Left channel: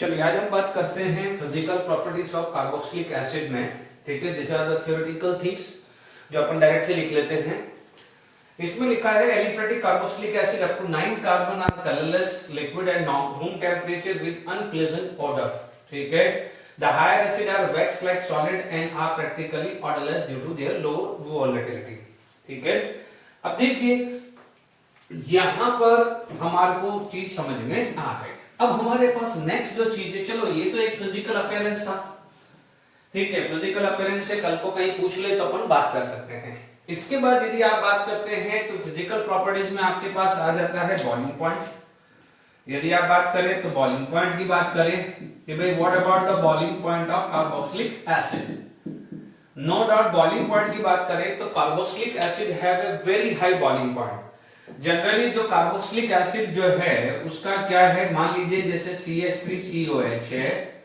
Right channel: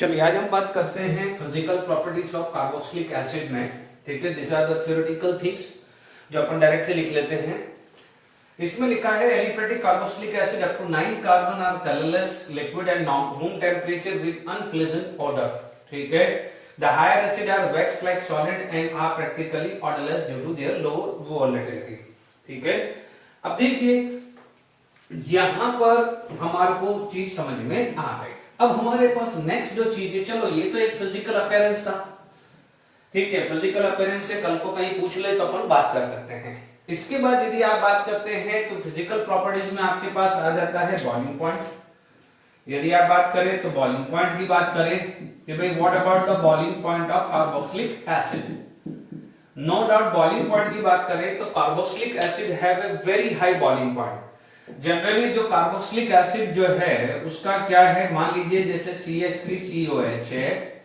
चलिए आज हम बात करते हैं physical properties of carboxylic acid में। ठीक है, this are the theoretical things जो अपन डायरेक्टली लिख लेते हैं। इसमें लिखा है aliphatic carboxylic acid up to 9 carbon are colourless liquid and room temperature with unpleasant odour. ठीक है, the higher acid are wax like solid and are practically odourless due to their low volatility. ठीक है, अब देखिए यहां पर हमारे को चीज समझ में आ गई। अब हमारे पास नेक्स्ट जो चीज है, चलो ये तो एक फिजिकल अपीयरेंस था। ठीक है, फिजिकल अपीयरेंस से कल को कहीं पूछ ले तो अपन बात कर सकते हैं। इसके बाद यदि आप बात करते हैं तो फिजिकल प्रॉपर्टीज में आपके पास आ जाता है बॉइलिंग पॉइंट। यदि आप बात करें तो बॉइलिंग पॉइंट की बात करें कि भाई what about the boiling point of carboxylic acid. No doubt boiling point की बात करें तो carboxylic acid have a very high boiling point. Generally जो कार्बोक्सिलिक एसिड जो है उसका क्या है, मान लीजिए जैसे CH3COH है,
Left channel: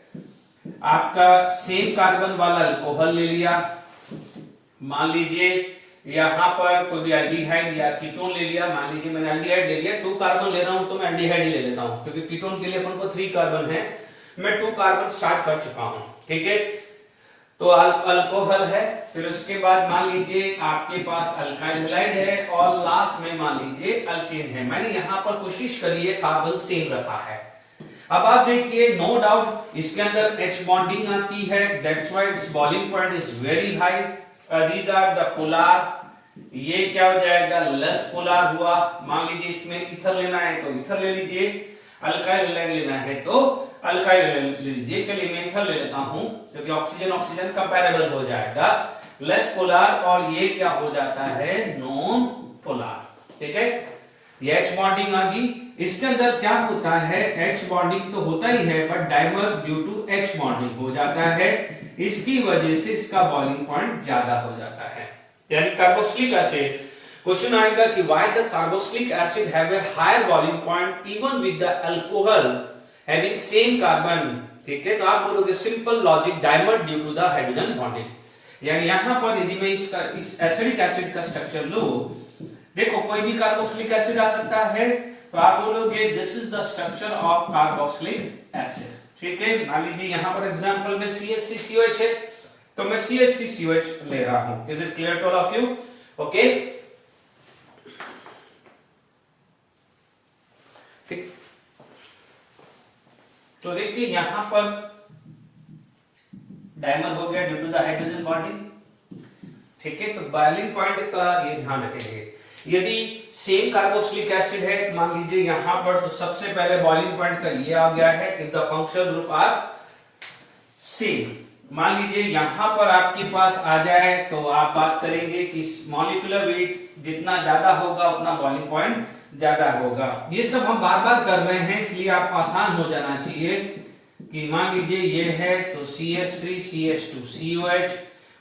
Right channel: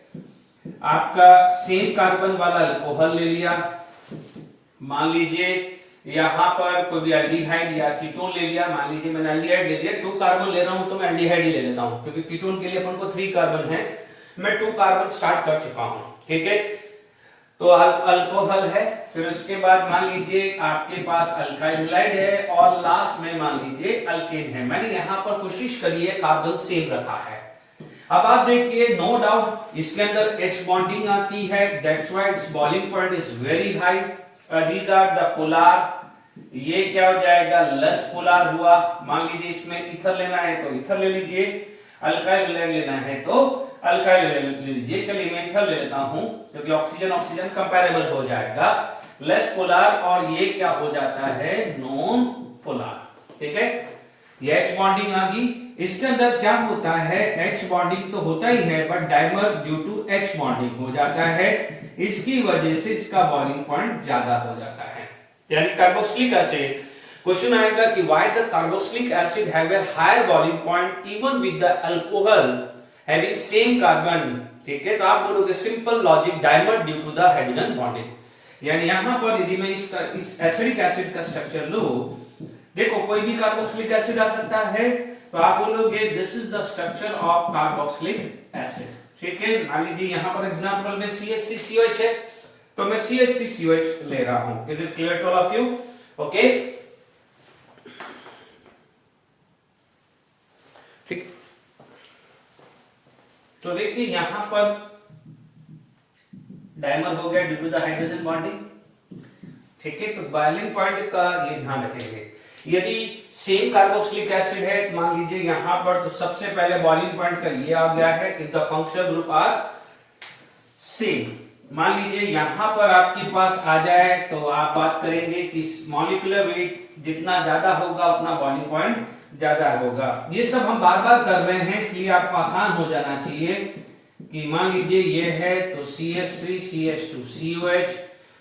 आपका सेम कार्बन वाला अल्कोहल ले लिया, मान लीजिए यहां पर कोई भी एल्डिहाइड या कीटोन ले लिया, मान लीजिए मैंने एल्डिहाइड ले लिया, 2 कार्बन ले रहा हूं तो मैं एल्डिहाइड ही ले लेता हूं क्योंकि कीटोन के लिए अपन को 3 कार्बन है, मैं 2 कार्बन स्टार्ट कर चुका हूं। ठीक है, तो अल्कोहल है, फिर उसके बाद मान लीजिए आपके पास अल्काइल हैलाइड है और लास्ट में मान लीजिए अल्केन है। मैंने यहां पर कोशिश करी है कार्बन सेम रखा है। अब आप देखिए नो डाउट इसके अंदर H बॉन्डिंग आती है, that's why its boiling point is very high. These are the polar, ये क्या हो जाएगा लेस पोलार हुआ। मान लीजिए इसमें इथर लेना है तो इथर ले लीजिए, अल्काइल लेना है तो अल्काइल ले लीजिए। चलिए मैं इथर ले लेता हूं क्योंकि ऑक्सीजन ऑक्सीजन कंपैरेबल हो जाएगा, लेस पोलार, और ये क्या हो जाता है नॉन पोलार। ठीक है, ये H बॉन्डिंग आ गई। इसके अंदर क्या होता है, H बॉन्डिंग तो होता ही है but dimer due to H bonding हो जाता है, इसकी वजह से इसका बॉइलिंग पॉइंट ज्यादा हो जाता है। यानी कार्बोक्सिलिक एसिड, क्वेश्चन आएगा कि why the carboxylic acid have a higher boiling point even with the alcohol having same carbon. ठीक है, तो आप बोलोगे simple logic, dimer due to the hydrogen bonding. यानी यहां पर यदि मैं इस एसिडिक एसिड का स्ट्रक्चर लूं, देखो कोई भी कार्बोक्सिलिक एसिड आ सकता है, तो आप बोलोगे this is the structure of carboxylic acid. ठीक है, मान लीजिए यहां पर एग्जांपल में CH3COH है तो मैं CH3COH ले रहा हूं। Is it clear to all of you? Okay, ठीक, तो देखिए यहां पर डाइमर हो गया due to the hydrogen bonding. ठीक है, तो बॉइलिंग पॉइंट का ये ध्यान रखेंगे। यदि सेम कार्बोक्सिलिक एसिड है, मान लीजिए यहां पर, तो सबसे पहले बॉइलिंग पॉइंट का ये आ गया है if the functional group are same. मान लीजिए यहां पर आपके पास आ जाए तो आप बात करेंगे कि मॉलिक्यूलर वेट जितना ज्यादा होगा उतना बॉइलिंग पॉइंट ज्यादा होगा। ये सब हम बार बार कर रहे हैं इसलिए आपको आसान हो जाना चाहिए कि मान लीजिए ये है तो CH3CH2COH,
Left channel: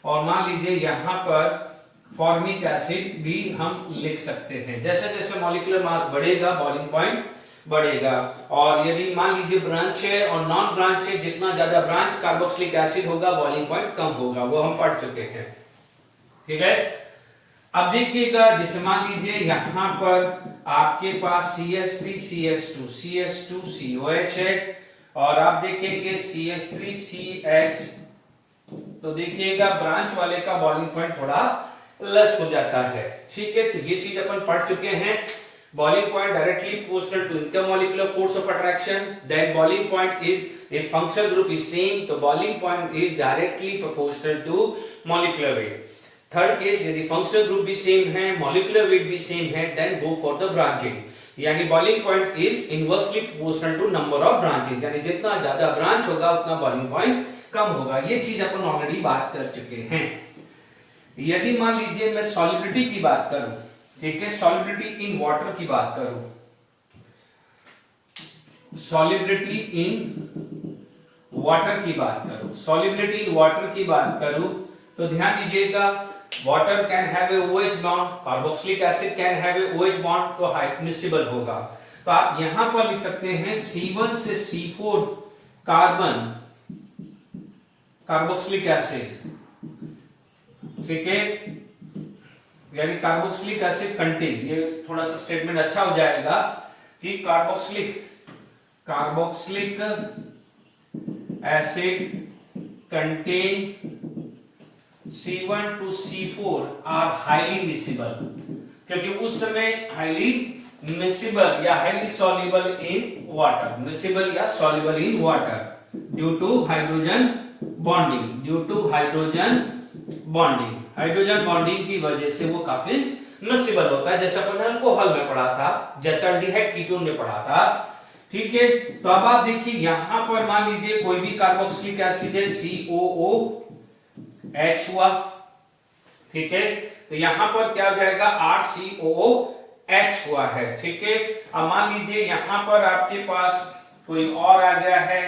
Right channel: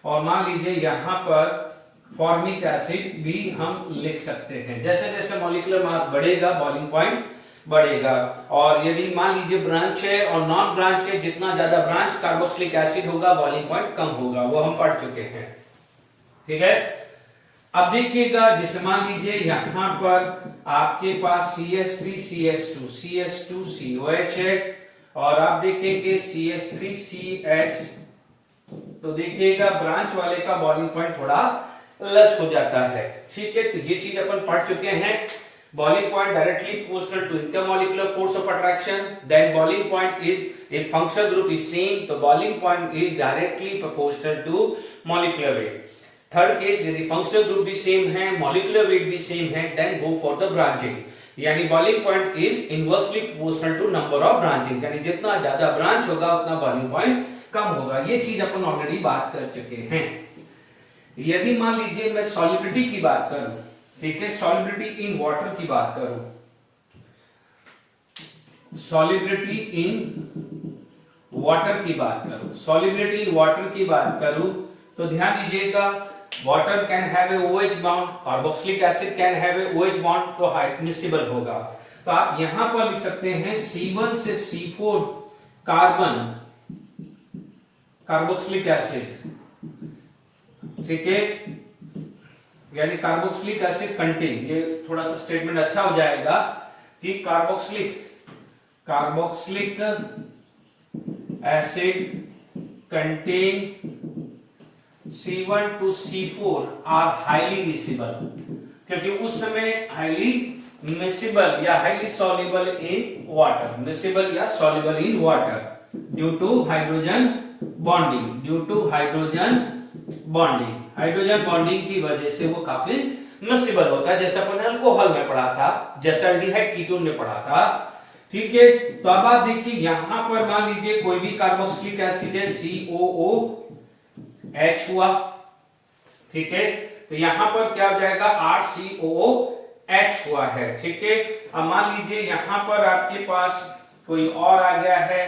और मान लीजिए यहां पर फॉर्मिक एसिड भी हम लिख सकते हैं। जैसे जैसे मॉलिक्यूलर मास बढ़ेगा बॉइलिंग पॉइंट बढ़ेगा। और यदि मान लीजिए ब्रांच है और नॉन ब्रांच है, जितना ज्यादा ब्रांच कार्बोक्सिलिक एसिड होगा बॉइलिंग पॉइंट कम होगा, वो हम पढ़ चुके हैं। ठीक है, अब देखिएगा जैसे मान लीजिए यहां पर आपके पास CH3CH2CH2COH है और आप देखेंगे CH3CH, तो देखिएगा ब्रांच वाले का बॉइलिंग पॉइंट थोड़ा लेस हो जाता है। ठीक है, तो ये चीज अपन पढ़ चुके हैं। Boiling point directly proportional to intermolecular force of attraction, then boiling point is if functional group is same, तो boiling point is directly proportional to molecular weight. Third case, यदि फंक्शनल ग्रुप भी सेम है, molecular weight भी same है, then go for the branching, यानी boiling point is inversely proportional to number of branching, यानी जितना ज्यादा ब्रांच होगा उतना बॉइलिंग पॉइंट कम होगा। ये चीज अपन ऑलरेडी बात कर चुके हैं। यदि मान लीजिए मैं सॉलिबिलिटी की बात करूं, ठीक है, सॉलिबिलिटी इन वाटर की बात करूं, सॉलिबिलिटी इन वाटर की बात करूं, सॉलिबिलिटी इन वाटर की बात करूं, तो ध्यान दीजिएगा water can have a OH bond, carboxylic acid can have a OH bond, तो मिसिबल होगा। तो आप यहां पर लिख सकते हैं C1 से C4 कार्बन कार्बोक्सिलिक एसिड। ठीक है, यानी कार्बोक्सिलिक एसिड कंटेन, ये थोड़ा सा स्टेटमेंट अच्छा हो जाएगा कि carboxylic acid contain C1 to C4 are highly miscible, क्योंकि उस समय highly miscible या highly soluble in water, miscible या soluble in water due to hydrogen bonding, hydrogen bonding की वजह से वो काफी मिसिबल होता है, जैसा अपन अल्कोहल में पढ़ा था, जैसा एल्डिहाइड कीटोन में पढ़ा था। ठीक है, तो अब आप देखिए यहां पर मान लीजिए कोई भी कार्बोक्सिलिक एसिड है, COOH हुआ। ठीक है, तो यहां पर क्या हो जाएगा, RCOOH हुआ है। ठीक है, अब मान लीजिए यहां पर आपके पास कोई और आ गया है,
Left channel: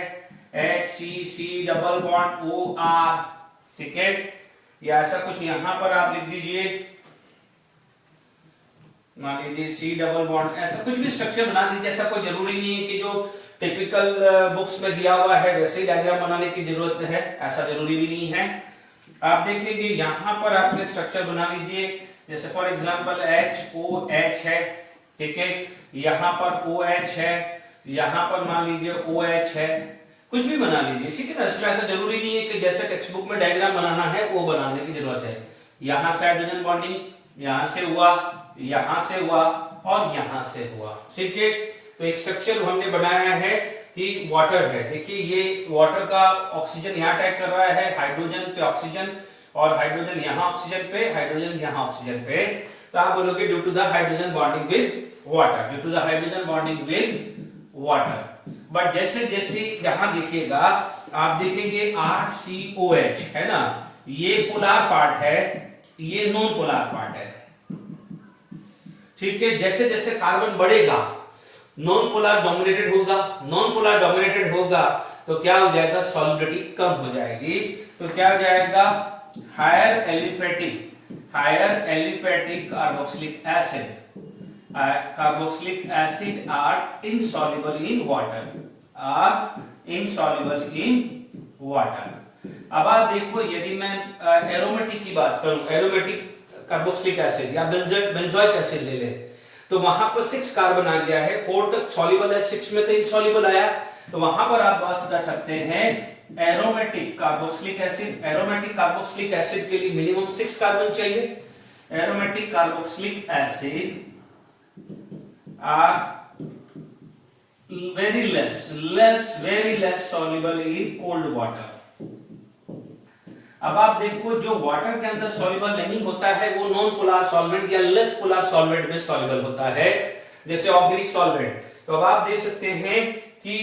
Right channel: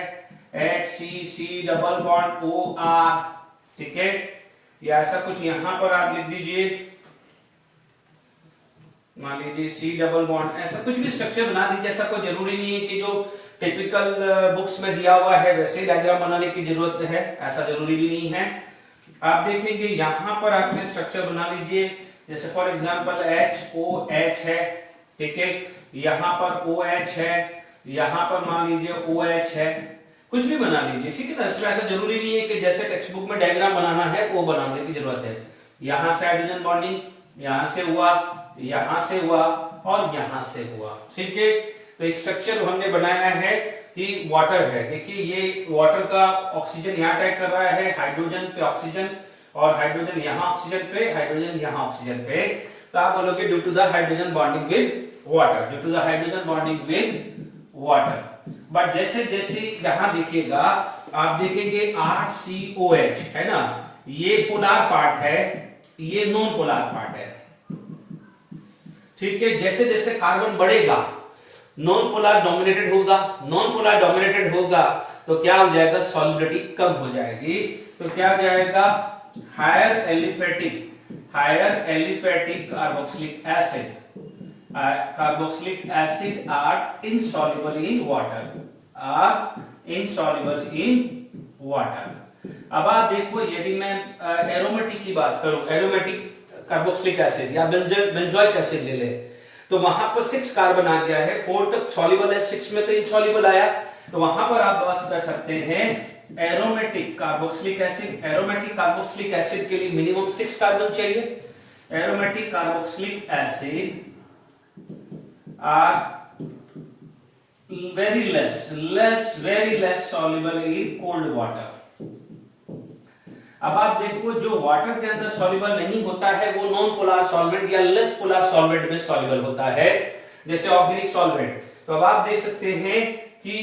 HCC डबल बॉन्ड OR। ठीक है, या ऐसा कुछ यहां पर आप लिख दीजिए, मान लीजिए C डबल बॉन्ड, ऐसा कुछ भी स्ट्रक्चर बना दीजिए। ऐसा कोई जरूरी नहीं है कि जो टिपिकल बुक्स में दिया हुआ है वैसे ही डायग्राम बनाने की जरूरत है, ऐसा जरूरी भी नहीं है। आप देखेंगे यहां पर आपने स्ट्रक्चर बना लीजिए, जैसे फॉर एग्जांपल HOH है। ठीक है, यहां पर OH है, यहां पर मान लीजिए OH है, कुछ भी बना लीजिए। ठीक है ना, इसमें ऐसा जरूरी नहीं है कि जैसे टेक्स्ट बुक में डायग्राम बनाना है वो बनाने की जरूरत है। यहां से हाइड्रोजन बॉन्डिंग यहां से हुआ, यहां से हुआ और यहां से हुआ। ठीक है, तो एक स्ट्रक्चर हमने बनाया है कि वाटर है। देखिए ये वाटर का ऑक्सीजन यहां अटैक कर रहा है, हाइड्रोजन पे ऑक्सीजन, और हाइड्रोजन यहां ऑक्सीजन पे, हाइड्रोजन यहां ऑक्सीजन पे। तो आप बोलोगे due to the hydrogen bonding with water, due to the hydrogen bonding with water. But जैसे जैसे यहां देखिएगा, आप देखेंगे RCOH है ना, ये पोलर पार्ट है, ये नॉन पोलर पार्ट है। ठीक है, जैसे जैसे कार्बन बढ़ेगा नॉन पोलर डोमिनेटेड होगा, नॉन पोलर डोमिनेटेड होगा तो क्या हो जाएगा, सॉलिडिटी कम हो जाएगी। तो क्या हो जाएगा, higher aliphatic carboxylic acid are insoluble in water, अब आप देखो यदि मैं एरोमेटिक की बात करूं, एरोमेटिक कार्बोक्सिलिक एसिड या बेंजोइक एसिड ले ले, तो वहां पर 6 कार्बन आ गया है, 4 तक सॉल्युबल है, 6 में तो इनसॉल्युबल आया, तो वहां पर आप बात कर सकते हैं एरोमेटिक कार्बोक्सिलिक एसिड के लिए मिनिमम 6 कार्बन चाहिए। Aromatic carboxylic acid are very less soluble in cold water। अब आप देखो जो वाटर के अंदर सॉल्युबल नहीं होता है वो नॉन पोलर सॉल्वेंट या लेस पोलर सॉल्वेंट में सॉल्युबल होता है, जैसे ऑर्गेनिक सॉल्वेंट। तो अब आप देख सकते हैं कि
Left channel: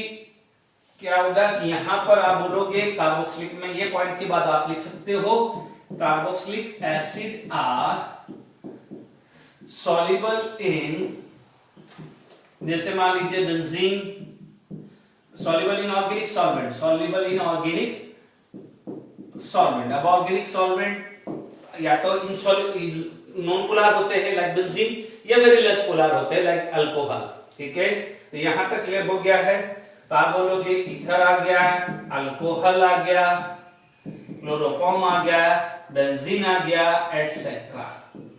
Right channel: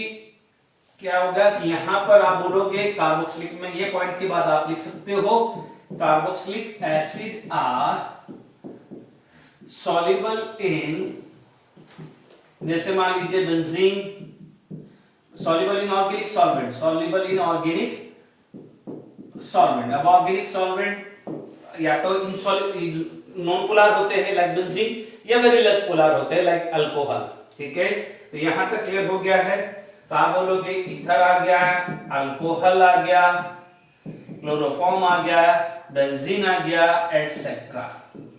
क्या होगा कि यहां पर आप बोलोगे कार्बोक्सिलिक में, ये पॉइंट की बात आप लिख सकते हो, carboxylic acid are soluble in, जैसे मान लीजिए benzene soluble in organic solvent, अब ऑर्गेनिक सॉल्वेंट या तो नॉन पोलर होते हैं लाइक बेंजीन, या वेरी लेस पोलर होते हैं लाइक अल्कोहल। ठीक है, तो यहां तक क्लियर हो गया है। तो आप बोलोगे ईथर आ गया, अल्कोहल आ गया, क्लोरोफॉर्म आ गया, बेंजीन आ गया, एटसेट्रा।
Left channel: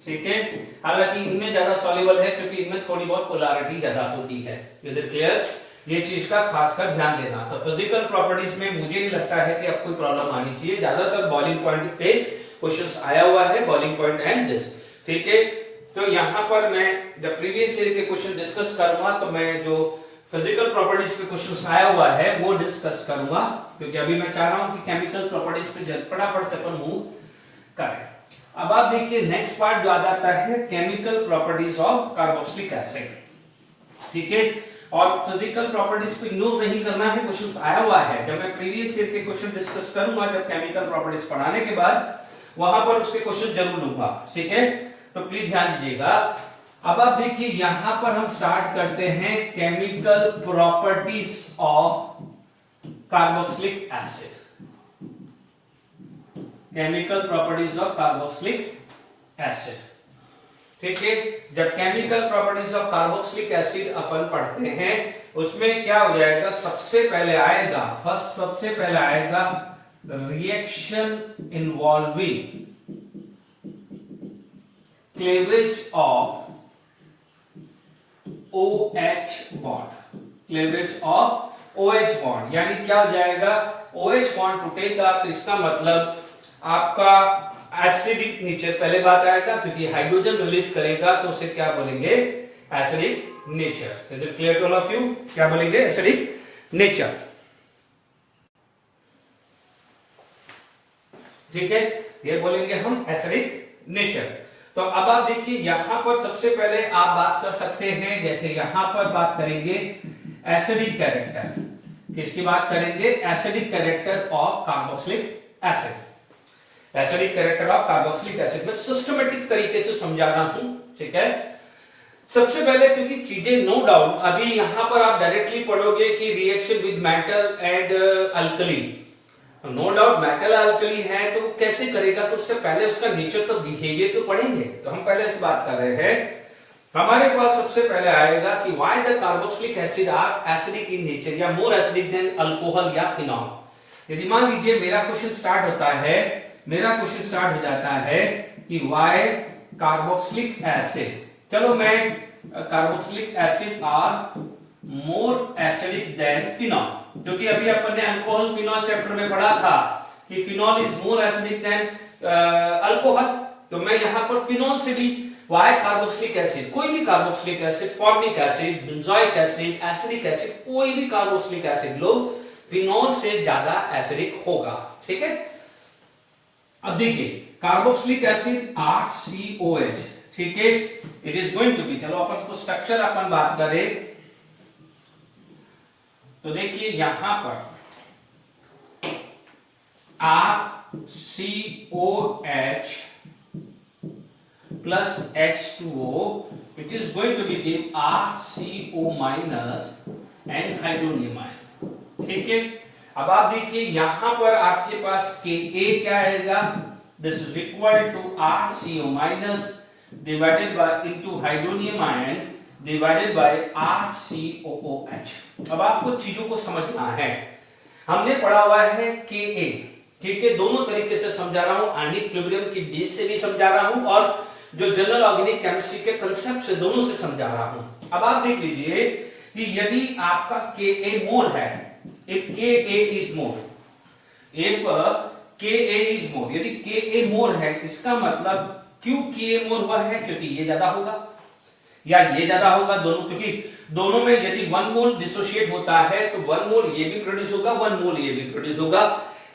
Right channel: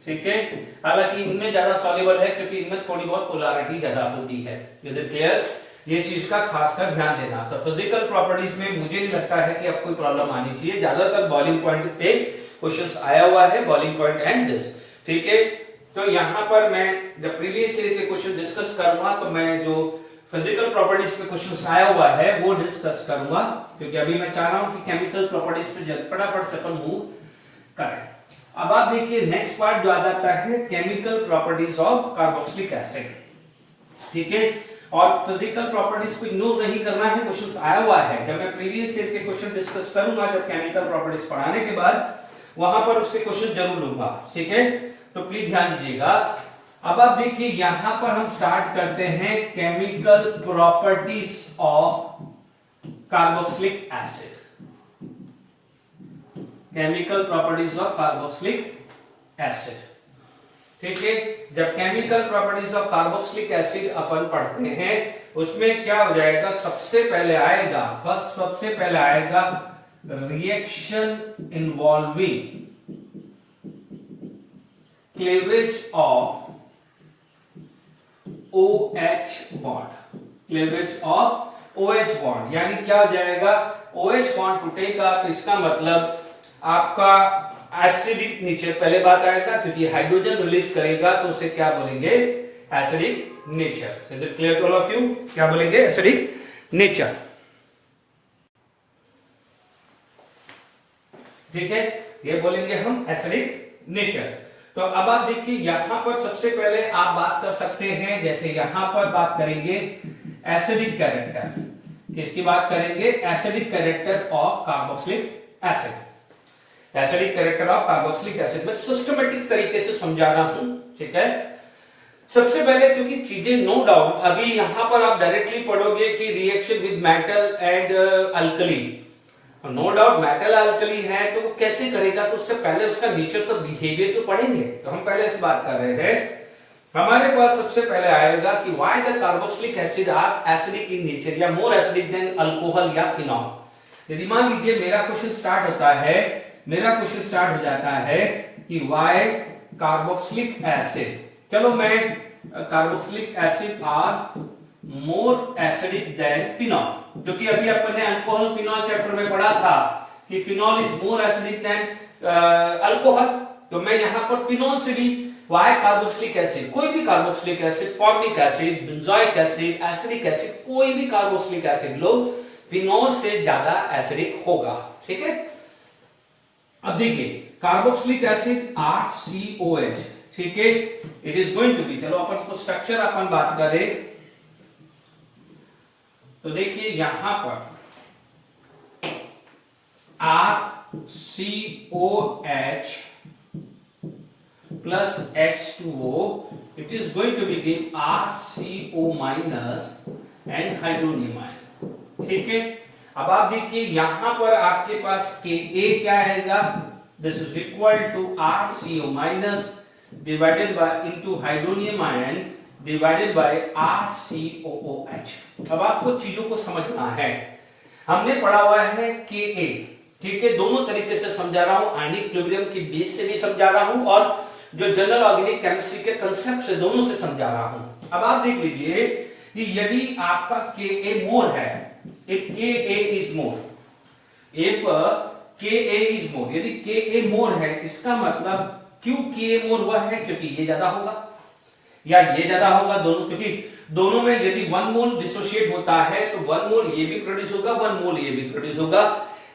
ठीक है, हालांकि इनमें ज्यादा सॉल्युबल है क्योंकि इनमें थोड़ी बहुत पोलैरिटी ज्यादा होती है। Is it clear? ये चीज का खासकर ध्यान देना। तो फिजिकल प्रॉपर्टीज में मुझे नहीं लगता है कि अब कोई प्रॉब्लम आनी चाहिए, ज्यादातर बॉइलिंग पॉइंट पे क्वेश्चंस आया हुआ है, बॉइलिंग पॉइंट एंड दिस। ठीक है, तो यहां पर मैं जब प्रीवियस ईयर के क्वेश्चन डिस्कस करूंगा तो मैं जो फिजिकल प्रॉपर्टीज पे क्वेश्चन आया हुआ है वो डिस्कस करूंगा, क्योंकि अभी मैं चाह रहा हूं कि केमिकल प्रॉपर्टीज पे फटाफट से अपन मूव करें। अब आप देखिए नेक्स्ट पार्ट जो आ जाता है chemical properties of carboxylic acid. ठीक है, और फिजिकल प्रॉपर्टीज को इग्नोर नहीं करना है, क्वेश्चन आया हुआ है। जब मैं प्रीवियस ईयर के क्वेश्चन डिस्कस करूंगा जब केमिकल प्रॉपर्टीज पढ़ाने के बाद, वहां पर उसके क्वेश्चन जरूर लूंगा। ठीक है, तो प्लीज ध्यान दीजिएगा। अब आप देखिए यहां पर हम स्टार्ट करते हैं chemical properties of carboxylic acid. Chemical properties of carboxylic acid. ठीक है, जब chemical properties of carboxylic acid अपन पढ़ते हैं उसमें क्या हो जाएगा, सबसे पहले आएगा reaction involving cleavage of OH bond, cleavage of OH bond, यानी क्या हो जाएगा, OH बॉन्ड टूटेगा तो इसका मतलब आपका एसिडिक नेचर पहले बात आएगा, क्योंकि हाइड्रोजन रिलीज करेगा तो उसे क्या बोलेंगे, acidic nature. Is it clear to all of you? क्या बोलेंगे, एसिडिक नेचर। ठीक है, ये बोलेंगे हम एसिडिक नेचर। तो अब आप देखिए यहां पर सबसे पहले आप बात कर सकते हैं, जैसे यहां पर बात करेंगे एसिडिक कैरेक्टर, किसकी बात करेंगे, acidic character of carboxylic acid. Acidic character of carboxylic acid में सिस्टमेटिक तरीके से समझा रहा हूं। ठीक है, सबसे पहले क्योंकि चीजें नो डाउट अभी यहां पर आप डायरेक्टली पढ़ोगे कि reaction with metal and alkali, no doubt metal alkali है तो वो कैसे करेगा, तो उससे पहले उसका नेचर तो बिहेवियर तो पढ़ेंगे। तो हम पहले इस बात कर रहे हैं, हमारे पास सबसे पहले आएगा कि why the carboxylic acid are acidic in nature या मोर एसिडिक देन अल्कोहल या फिनॉल। यदि मान लीजिए मेरा क्वेश्चन स्टार्ट होता है, मेरा क्वेश्चन स्टार्ट हो जाता है कि व्हाई कार्बोक्सिलिक एसिड, चलो मैं carboxylic acid are more acidic than phenol, क्योंकि अभी अपन ने अल्कोहल फिनॉल चैप्टर में पढ़ा था कि phenol is more acidic than alcohol. तो मैं यहां पर फिनॉल से भी वाई कार्बोक्सिलिक एसिड, कोई भी carboxylic acid, formic acid, benzoic acid, acidic acid, कोई भी कार्बोक्सिलिक एसिड लो, फिनॉल से ज्यादा एसिडिक होगा। ठीक है, अब देखिए कार्बोक्सिलिक एसिड RCOH, ठीक है, it is going to be, चलो अपन को स्ट्रक्चर अपन बात करें तो देखिए यहां पर RCOH plus H2O, it is going to be give RCO minus and hydronium ion। ठीक है, अब आप देखिए यहां पर आपके पास Ka क्या आएगा, this is equal to RCO minus divided by into hydronium ion divided by RCOOH। अब आपको चीजों को समझना है, हमने पढ़ा हुआ है Ka, ठीक है, दोनों तरीके से समझा रहा हूं, आयनिक इक्विलिब्रियम की बेस से भी समझा रहा हूं और जो जनरल ऑर्गेनिक केमिस्ट्री के कंसेप्ट से दोनों से समझा रहा हूं। अब आप देख लीजिए कि यदि आपका Ka मोर है, if Ka is more, if Ka is more, यदि Ka मोर है इसका मतलब क्यों Ka मोर हुआ है, क्योंकि ये ज्यादा होगा या ये ज्यादा होगा, दोनों, क्योंकि दोनों में यदि 1 मोल डिसोशिएट होता है तो 1 मोल ये भी प्रोड्यूस होगा, 1 मोल ये भी प्रोड्यूस होगा।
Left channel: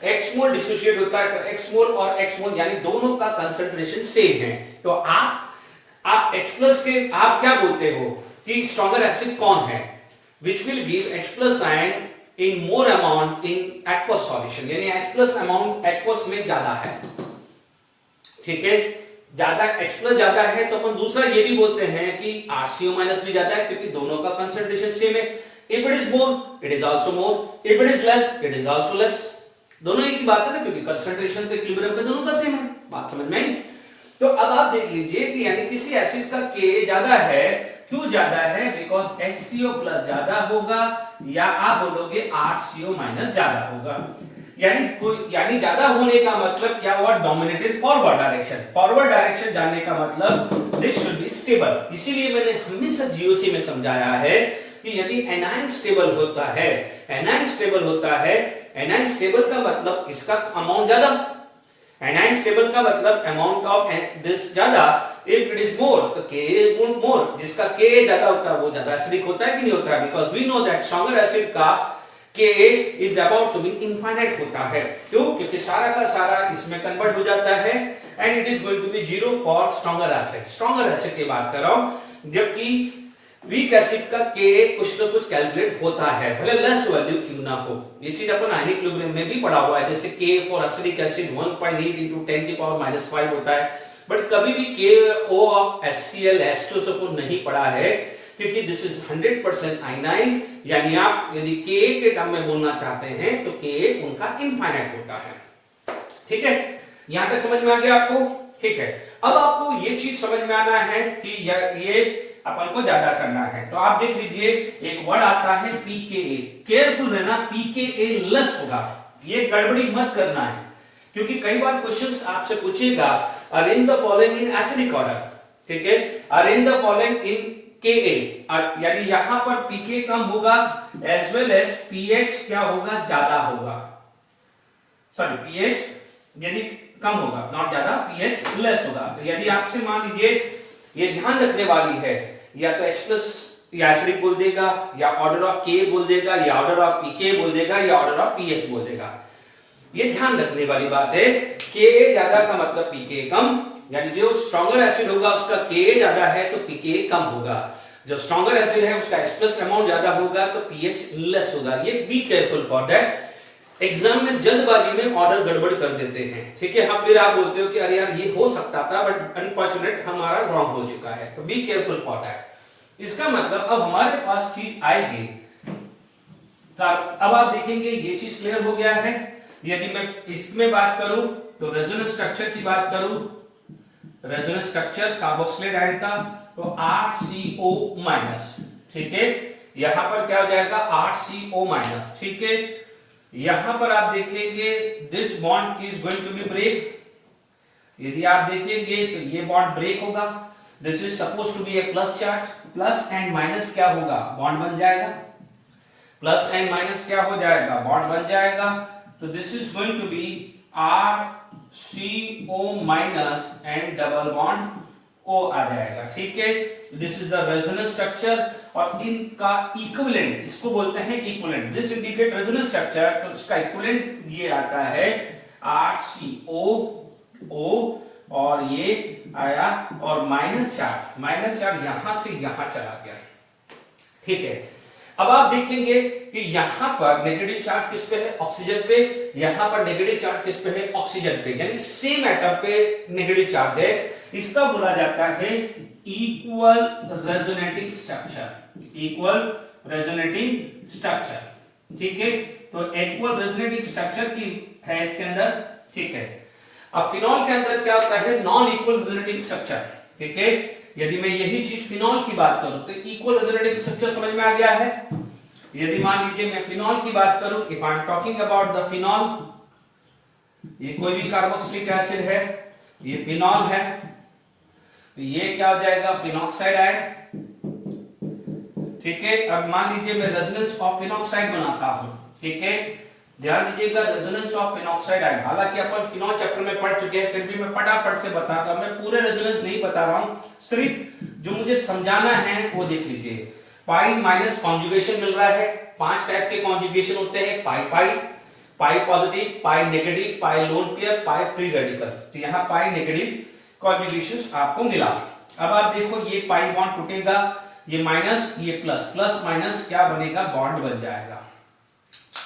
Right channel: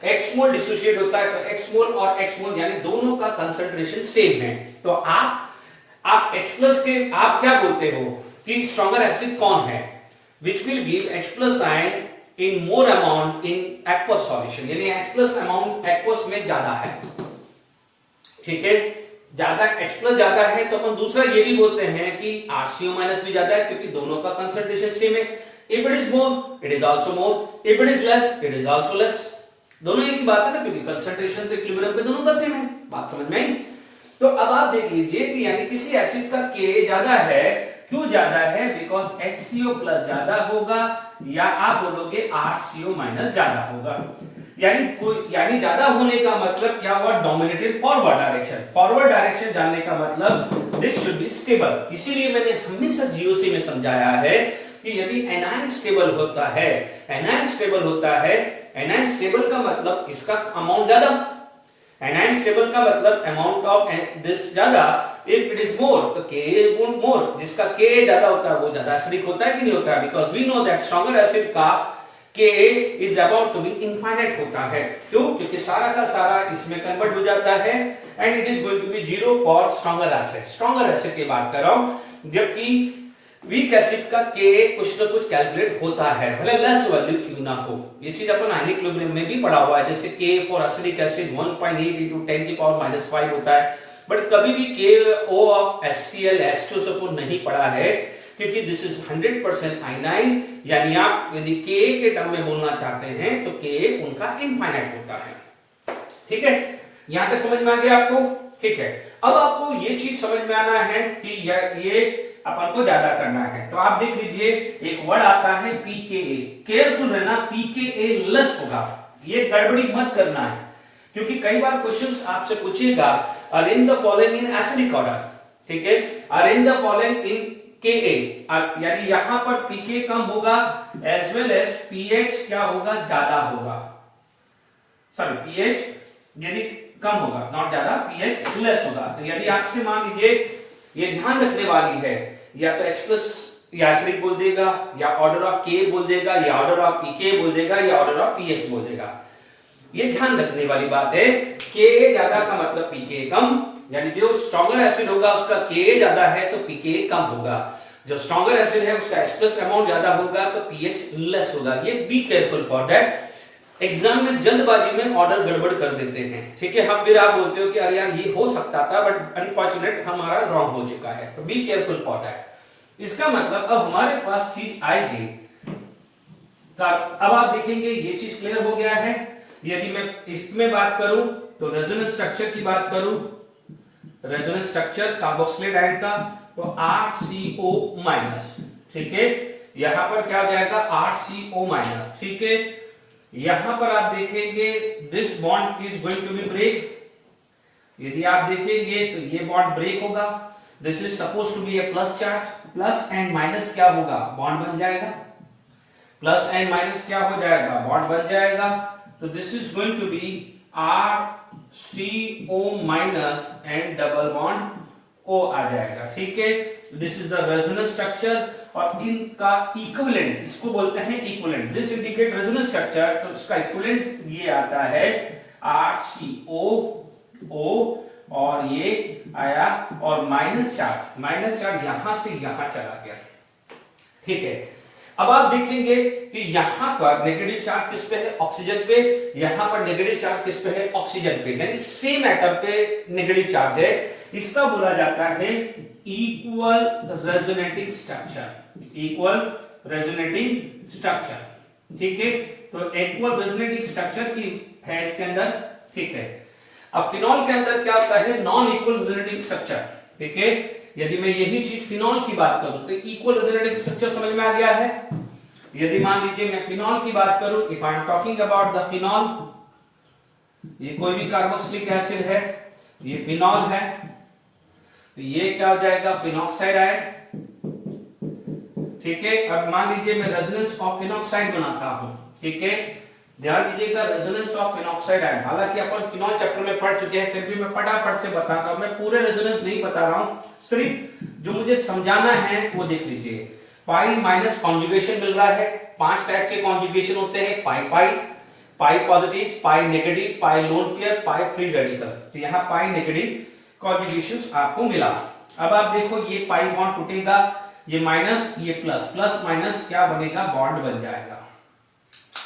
x मोल डिसोशिएट होता है तो x मोल और x मोल यानी दोनों का कंसंट्रेशन सेम है। तो आप X प्लस के आप क्या बोलते हो कि स्ट्रॉन्गर एसिड कौन है, which will give H plus ion in more amount in aqueous solution, यानी H प्लस अमाउंट एक्वस में ज्यादा है। ठीक है, ज्यादा H प्लस ज्यादा है तो अपन दूसरा ये भी बोलते हैं कि RCO माइनस भी ज्यादा है, क्योंकि दोनों का कंसंट्रेशन सेम है। If it is more it is also more, if it is less it is also less, दोनों एक ही बात है ना, क्योंकि कंसंट्रेशन तो इक्विलिब्रियम पे दोनों का सेम है। बात समझ में आई? तो अब आप देख लीजिए कि यानी किसी एसिड का Ka ज्यादा है, क्यों ज्यादा है, बिकॉज HCO प्लस ज्यादा होगा या आप बोलोगे RCO माइनस ज्यादा होगा। यानी ज्यादा होने का मतलब क्या हुआ, dominated forward direction. Forward direction जानने का मतलब दिस शुड बी स्टेबल। इसीलिए मैंने हमेशा GOC में समझाया है कि यदि एनायन स्टेबल होता है, एनायन स्टेबल होता है, एनायन स्टेबल का मतलब इसका अमाउंट ज्यादा, एनायन स्टेबल का मतलब अमाउंट ऑफ दिस ज्यादा। इफ इट इज मोर तो Ka इज मोर, जिसका Ka ज्यादा होता है वो ज्यादा एसिडिक होता है कि नहीं होता है, because we know that stronger acid का Ka is about to be infinite होता है। क्यों? क्योंकि सारा का सारा इसमें कन्वर्ट हो जाता है and it is going to be 0 for stronger acid. Stronger acid की बात कर रहा हूं, जबकि वीक एसिड का Ka कुछ न कुछ कैलकुलेट होता है, भले लेस वैल्यू क्यों ना हो। ये चीज अपन आयनिक इक्विलिब्रियम में भी पढ़ा हुआ है, जैसे K for acidic acid 1.8 into 10 की पावर -5 होता है, बट कभी भी KO ऑफ HCl H2 से अपन नहीं पढ़ा है, क्योंकि दिस इज 100% आयनाइज, यानी आप यदि Ka के टर्म में बोलना चाहते हैं तो Ka उनका इनफाइनाइट होता है। ठीक है, यहां तक समझ में आ गया आपको? ठीक है, अब आपको ये चीज समझ में आना है कि ये अपन को ज्यादा करना है। तो आप देख लीजिए एक वर्ड आता है pKa, केयरफुल रहना, pKa लेस होगा, ये गड़बड़ी मत करना है, क्योंकि कई बार क्वेश्चंस आपसे पूछेगा arrange the following in acidic order. ठीक है, arrange the following in Ka, यानी यहां पर pK कम होगा एज वेल एज pH क्या होगा, ज्यादा होगा। सॉरी पीएच यदि कम होगा, नॉट ज्यादा, पीएच लेस होगा। तो यदि आपसे मान लीजिए ये ध्यान रखने वाली है, या तो H प्लस या एसिडिक बोल देगा, या ऑर्डर ऑफ के बोल देगा, या ऑर्डर ऑफ पीके बोल देगा, या ऑर्डर ऑफ पीएच बोल देगा। ये ध्यान रखने वाली बात है। के ज्यादा का मतलब पीके कम, यानी जो स्ट्रॉन्गर एसिड होगा उसका के ज्यादा है तो पीके कम होगा। जो स्ट्रॉन्गर एसिड है उसका H प्लस अमाउंट ज्यादा होगा तो पीएच लेस होगा। ये be careful for that. Exam में जल्दबाजी में ऑर्डर गड़बड़ कर देते हैं, ठीक है। हाँ, फिर आप बोलते हो कि अरे यार ये हो सकता था, बट अनफॉर्चुनेट हमारा रॉन्ग हो चुका है। तो बी केयरफुल फॉर दैट। इसका मतलब अब हमारे पास चीज आएगी। अब आप देखेंगे ये चीज क्लियर हो गया है। यदि मैं इसमें बात करूं तो रेजोनेंस स्ट्रक्चर की बात करूं, रेजोनेंस स्ट्रक्चर कार्बोक्सिलेट आयन का, तो RCO माइनस, ठीक है। यहां पर क्या हो जाएगा, RCO माइनस, ठीक है। यहां पर आप देखेंगे this bond is going to be break. यदि आप देखेंगे तो ये बॉन्ड ब्रेक होगा। This is suppose to be a plus charge, plus and minus क्या होगा, बॉन्ड बन जाएगा। प्लस एंड माइनस क्या हो जाएगा, बॉन्ड बन जाएगा। तो this is going to be RCO minus and double bond O आ जाएगा, ठीक है। This is the resonance structure और इनका इक्विवेलेंट इसको बोलते हैं equivalent. This indicate resonance structure, तो इसका इक्विवेलेंट ये आता है RCOO और ये आया और माइनस चार्ज यहां से यहां चला गया, ठीक है। अब आप देखेंगे कि यहां पर नेगेटिव चार्ज किस पे है, ऑक्सीजन पे। यहां पर नेगेटिव चार्ज किस पे है, ऑक्सीजन पे, यानी सेम एटम पे नेगेटिव चार्ज है। इसका बोला जाता है equal resonating structure, equal resonating structure, ठीक है। तो इक्वल रेजोनेटिंग स्ट्रक्चर की है इसके अंदर, ठीक है। अब फिनॉल के अंदर क्या होता है, नॉन इक्वल रेजोनेटिंग स्ट्रक्चर, ठीक है। यदि मैं यही चीज फिनॉल की बात करूं तो इक्वल रेजोनेटिंग स्ट्रक्चर समझ में आ गया है। यदि मान लीजिए मैं फिनॉल की बात करूं, if I am talking about the phenol, ये कोई भी कार्बोक्सिलिक एसिड है, ये फिनॉल है, तो ये क्या हो जाएगा, फिनॉक्साइड आयन, ठीक है। अब मान लीजिए मैं रेजोनेंस ऑफ फिनॉक्साइड बनाता हूं, ठीक है। ध्यान दीजिएगा, रेजोनेंस ऑफ फिनॉक्साइड आयन, हालांकि अपन फिनॉल चैप्टर में पढ़ चुके हैं, फिर भी मैं फटाफट से बताता हूं। मैं पूरे रेजोनेंस नहीं बता रहा हूं, सिर्फ जो मुझे समझाना है वो देख लीजिए। पाई माइनस कॉन्जुगेशन मिल रहा है। 5 टाइप के कॉन्जुगेशन होते हैं, पाई पाई, पाई पॉजिटिव, पाई नेगेटिव, पाई लोन पेयर, पाई फ्री रेडिकल। तो यहाँ पाई नेगेटिव कॉन्जुगेशन आपको मिला। अब आप देखो ये पाई बॉन्ड टूटेगा, ये माइनस, ये प्लस, प्लस माइनस क्या बनेगा, बॉन्ड बन जाएगा,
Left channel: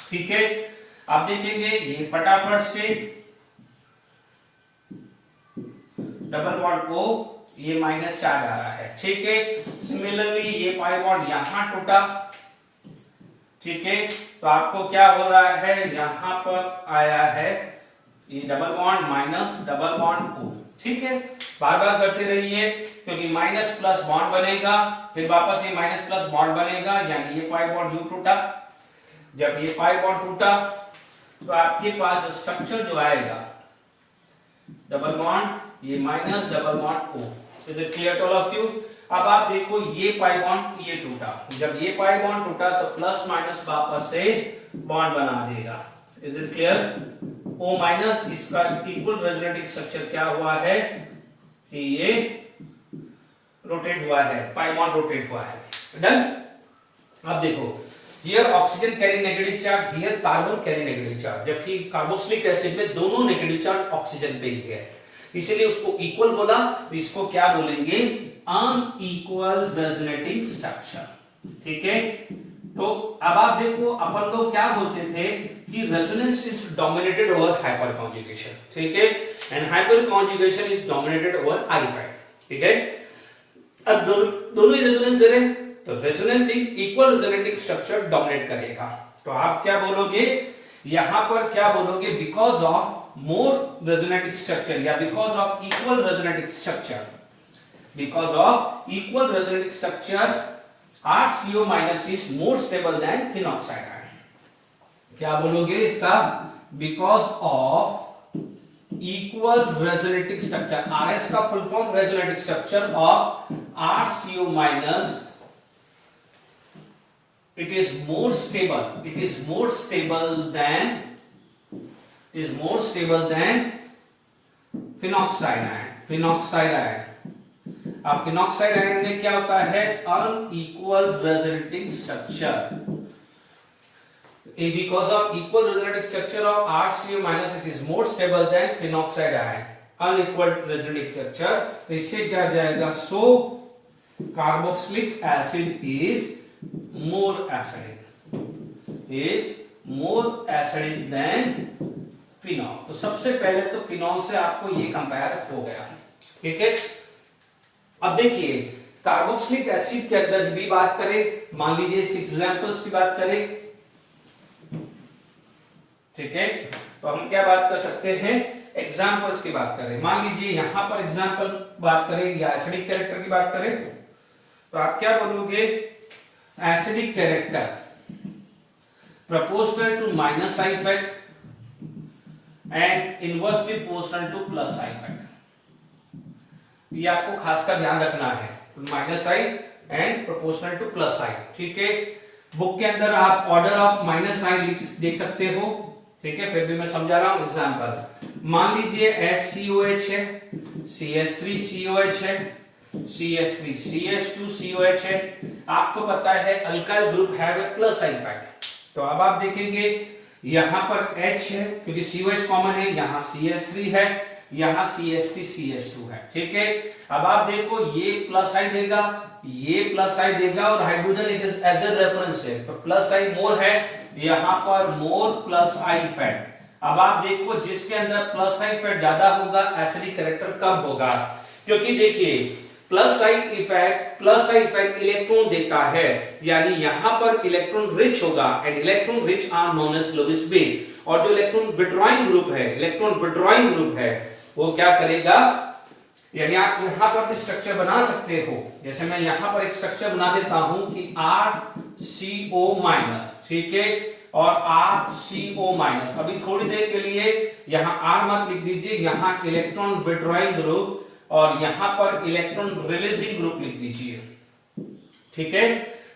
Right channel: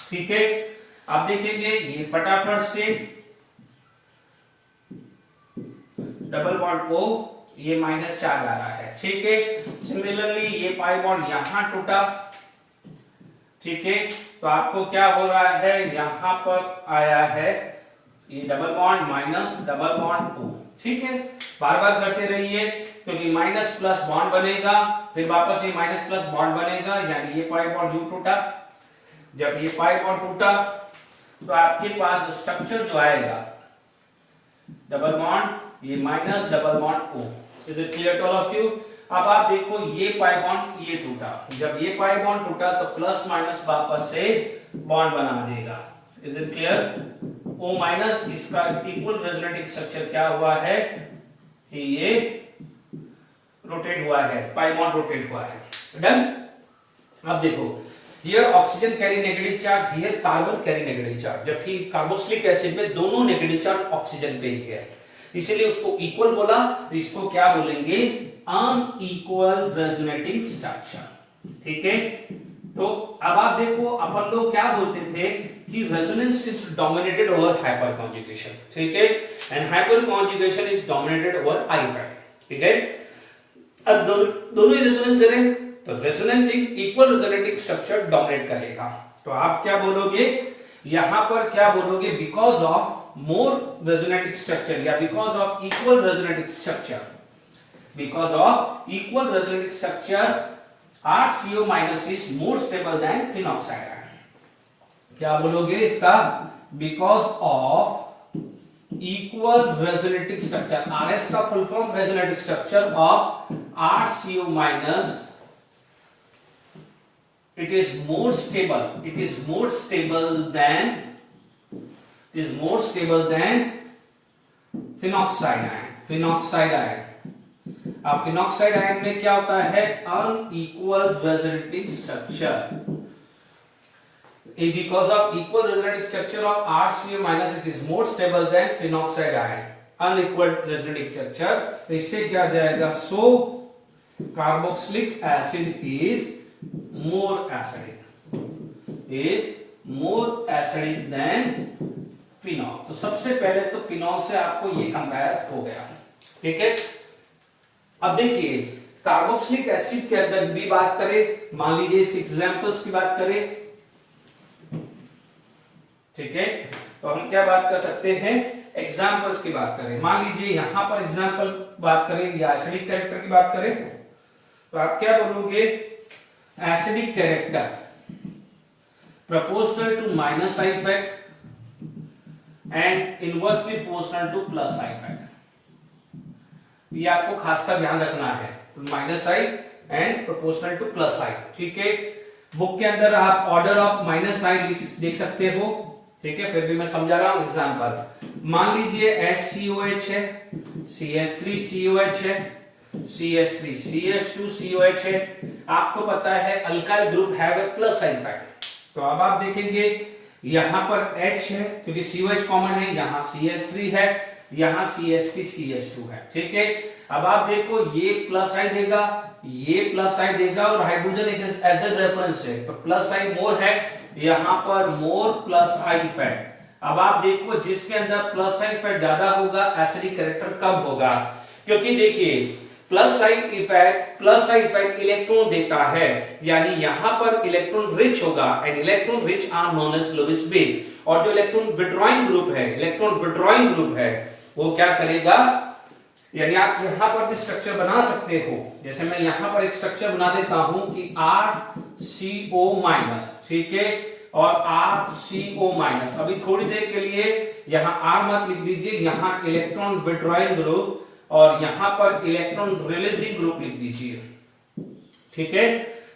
ठीक है। आप देखेंगे ये फटाफट से डबल बॉन्ड O, ये माइनस चार्ज आ रहा है, ठीक है। सिमिलरली ये पाई बॉन्ड यहां टूटा, ठीक है। तो आपको क्या हो रहा है, यहां पर आया है ये double bond minus double bond O, ठीक है। बार बार करते रहिए, क्योंकि माइनस प्लस बॉन्ड बनेगा, फिर वापस ये माइनस प्लस बॉन्ड बनेगा, यानी ये पाई बॉन्ड यू टूटा। जब ये पाई बॉन्ड टूटा तो आपके पास जो स्ट्रक्चर जो आएगा, डबल बॉन्ड, ये minus double bond O। Is it clear to all of you? अब आप देखो ये पाई बॉन्ड ये टूटा, जब ये पाई बॉन्ड टूटा तो प्लस माइनस वापस से बॉन्ड बना देगा। Is it clear? O minus, इसका इक्वल रेजोनेटिंग स्ट्रक्चर क्या हुआ है कि ये रोटेट हुआ है, पाई बॉन्ड रोटेट हुआ है। डन? अब देखो, here oxygen carry negative charge, here carbon carry negative charge, जबकि कार्बोक्सिलिक एसिड में दोनों नेगेटिव चार्ज ऑक्सीजन पे ही है, इसीलिए उसको इक्वल बोला। तो इसको क्या बोलेंगे, अनइक्वल रेजोनेटिंग स्ट्रक्चर, ठीक है। तो अब आप देखो, अपन लोग क्या बोलते थे कि resonance is dominated over hyper conjugation, ठीक है, and hyper conjugation is dominated over I effect, ठीक है। अब दोनों ही रेजोनेंस दे रहे हैं, तो resonating equal resonating structure dominate करेगा। तो आप क्या बोलोगे, यहां पर क्या बोलोगे, because of more resonating structure या because of equal resonating structure, because of equal resonating structure RCO minus is more stable than phenoxide ion. क्या बोलोगे इसका, because of equal resonating structure, RS का full form resonating structure of RCO minus, it is more stable than is more stable than phenol ion. अब phenoxide ion में क्या होता है, unequal resonating structure, because of equal resonating structure of RCO- it is more stable than phenoxide ion. Unequal resonating structure, इससे क्या जाएगा, so carboxylic acid is more acidic than phenol. तो सबसे पहले तो फिनॉल से आपको ये कंपेयर हो गया, ठीक है। अब देखिए कार्बोक्सिलिक एसिड के अंदर भी बात करें, मान लीजिए इसके एग्जांपल्स की बात करें, ठीक है, तो हम क्या बात कर सकते हैं, एग्जांपल्स की बात करें। मान लीजिए यहां पर एग्जांपल बात करें या एसिडिक कैरेक्टर की बात करें, तो आप क्या बोलोगे, acidic character proportional to minus I effect and inversely proportional to plus I effect. ये आपको खासकर ध्यान रखना है, minus I and proportional to plus I, ठीक है। बुक के अंदर आप ऑर्डर ऑफ माइनस आई देख सकते हो, ठीक है, फिर भी मैं समझा रहा हूं एग्जांपल। मान लीजिए HCOH है, CH3COH है, CH3CH2COH है। आपको पता है alkyl group have a plus I effect, तो अब आप देखेंगे यहां पर H है क्योंकि COH कॉमन है, यहां CH3 है, यहां CH3CH2 है, ठीक है। अब आप देखो ये प्लस आई देगा, ये प्लस आई देगा और हाइड्रोजन एज ए रेफरेंस है, तो प्लस आई मोर है, यहां पर मोर प्लस आई इफेक्ट। अब आप देखो जिसके अंदर प्लस आई इफेक्ट ज्यादा होगा एसिडिक कैरेक्टर कब होगा, क्योंकि देखिए प्लस आई इफेक्ट इलेक्ट्रॉन देता है, यानी यहां पर इलेक्ट्रॉन रिच होगा and electron rich are known as Lewis B. और जो इलेक्ट्रॉन विड्रॉइंग ग्रुप है वो क्या करेगा, यानी आप यहां पर भी स्ट्रक्चर बना सकते हो, जैसे मैं यहां पर एक स्ट्रक्चर बना देता हूं कि RCO-, ठीक है, और RCO-। अभी थोड़ी देर के लिए यहां R मत लिख दीजिए, यहां इलेक्ट्रॉन विड्रॉइंग ग्रुप और यहां पर इलेक्ट्रॉन रिलीजिंग ग्रुप लिख दीजिए, ठीक है।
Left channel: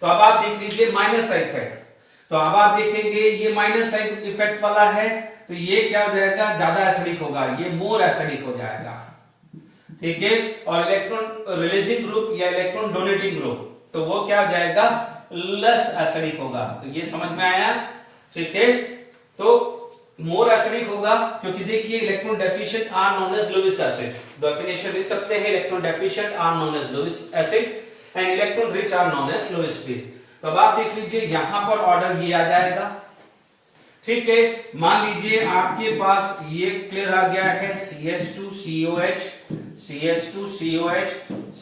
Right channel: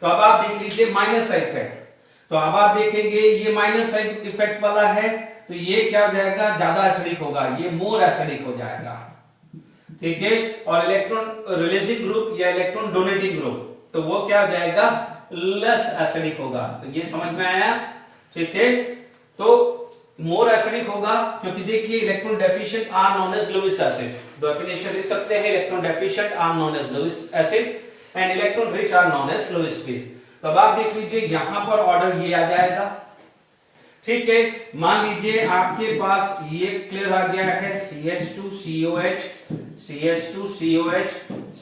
तो अब आप देख लीजिए माइनस आई इफेक्ट, तो अब आप देखेंगे ये माइनस आई इफेक्ट वाला है, तो ये क्या हो जाएगा, ज्यादा एसिडिक होगा, ये मोर एसिडिक हो जाएगा, ठीक है। और इलेक्ट्रॉन रिलीजिंग ग्रुप या इलेक्ट्रॉन डोनेटिंग ग्रुप, तो वो क्या हो जाएगा, लेस एसिडिक होगा। तो ये समझ में आया, ठीक है। तो मोर एसिडिक होगा क्योंकि देखिए electron deficient are known as Lewis acid, definition लिख सकते हैं, electron deficient are known as Lewis acid and electron rich are known as Lewis B. तो अब आप देख लीजिए यहां पर ऑर्डर ये आ जाएगा, ठीक है। मान लीजिए आपके पास ये क्लियर आ गया है, CH2COH, CH2COH,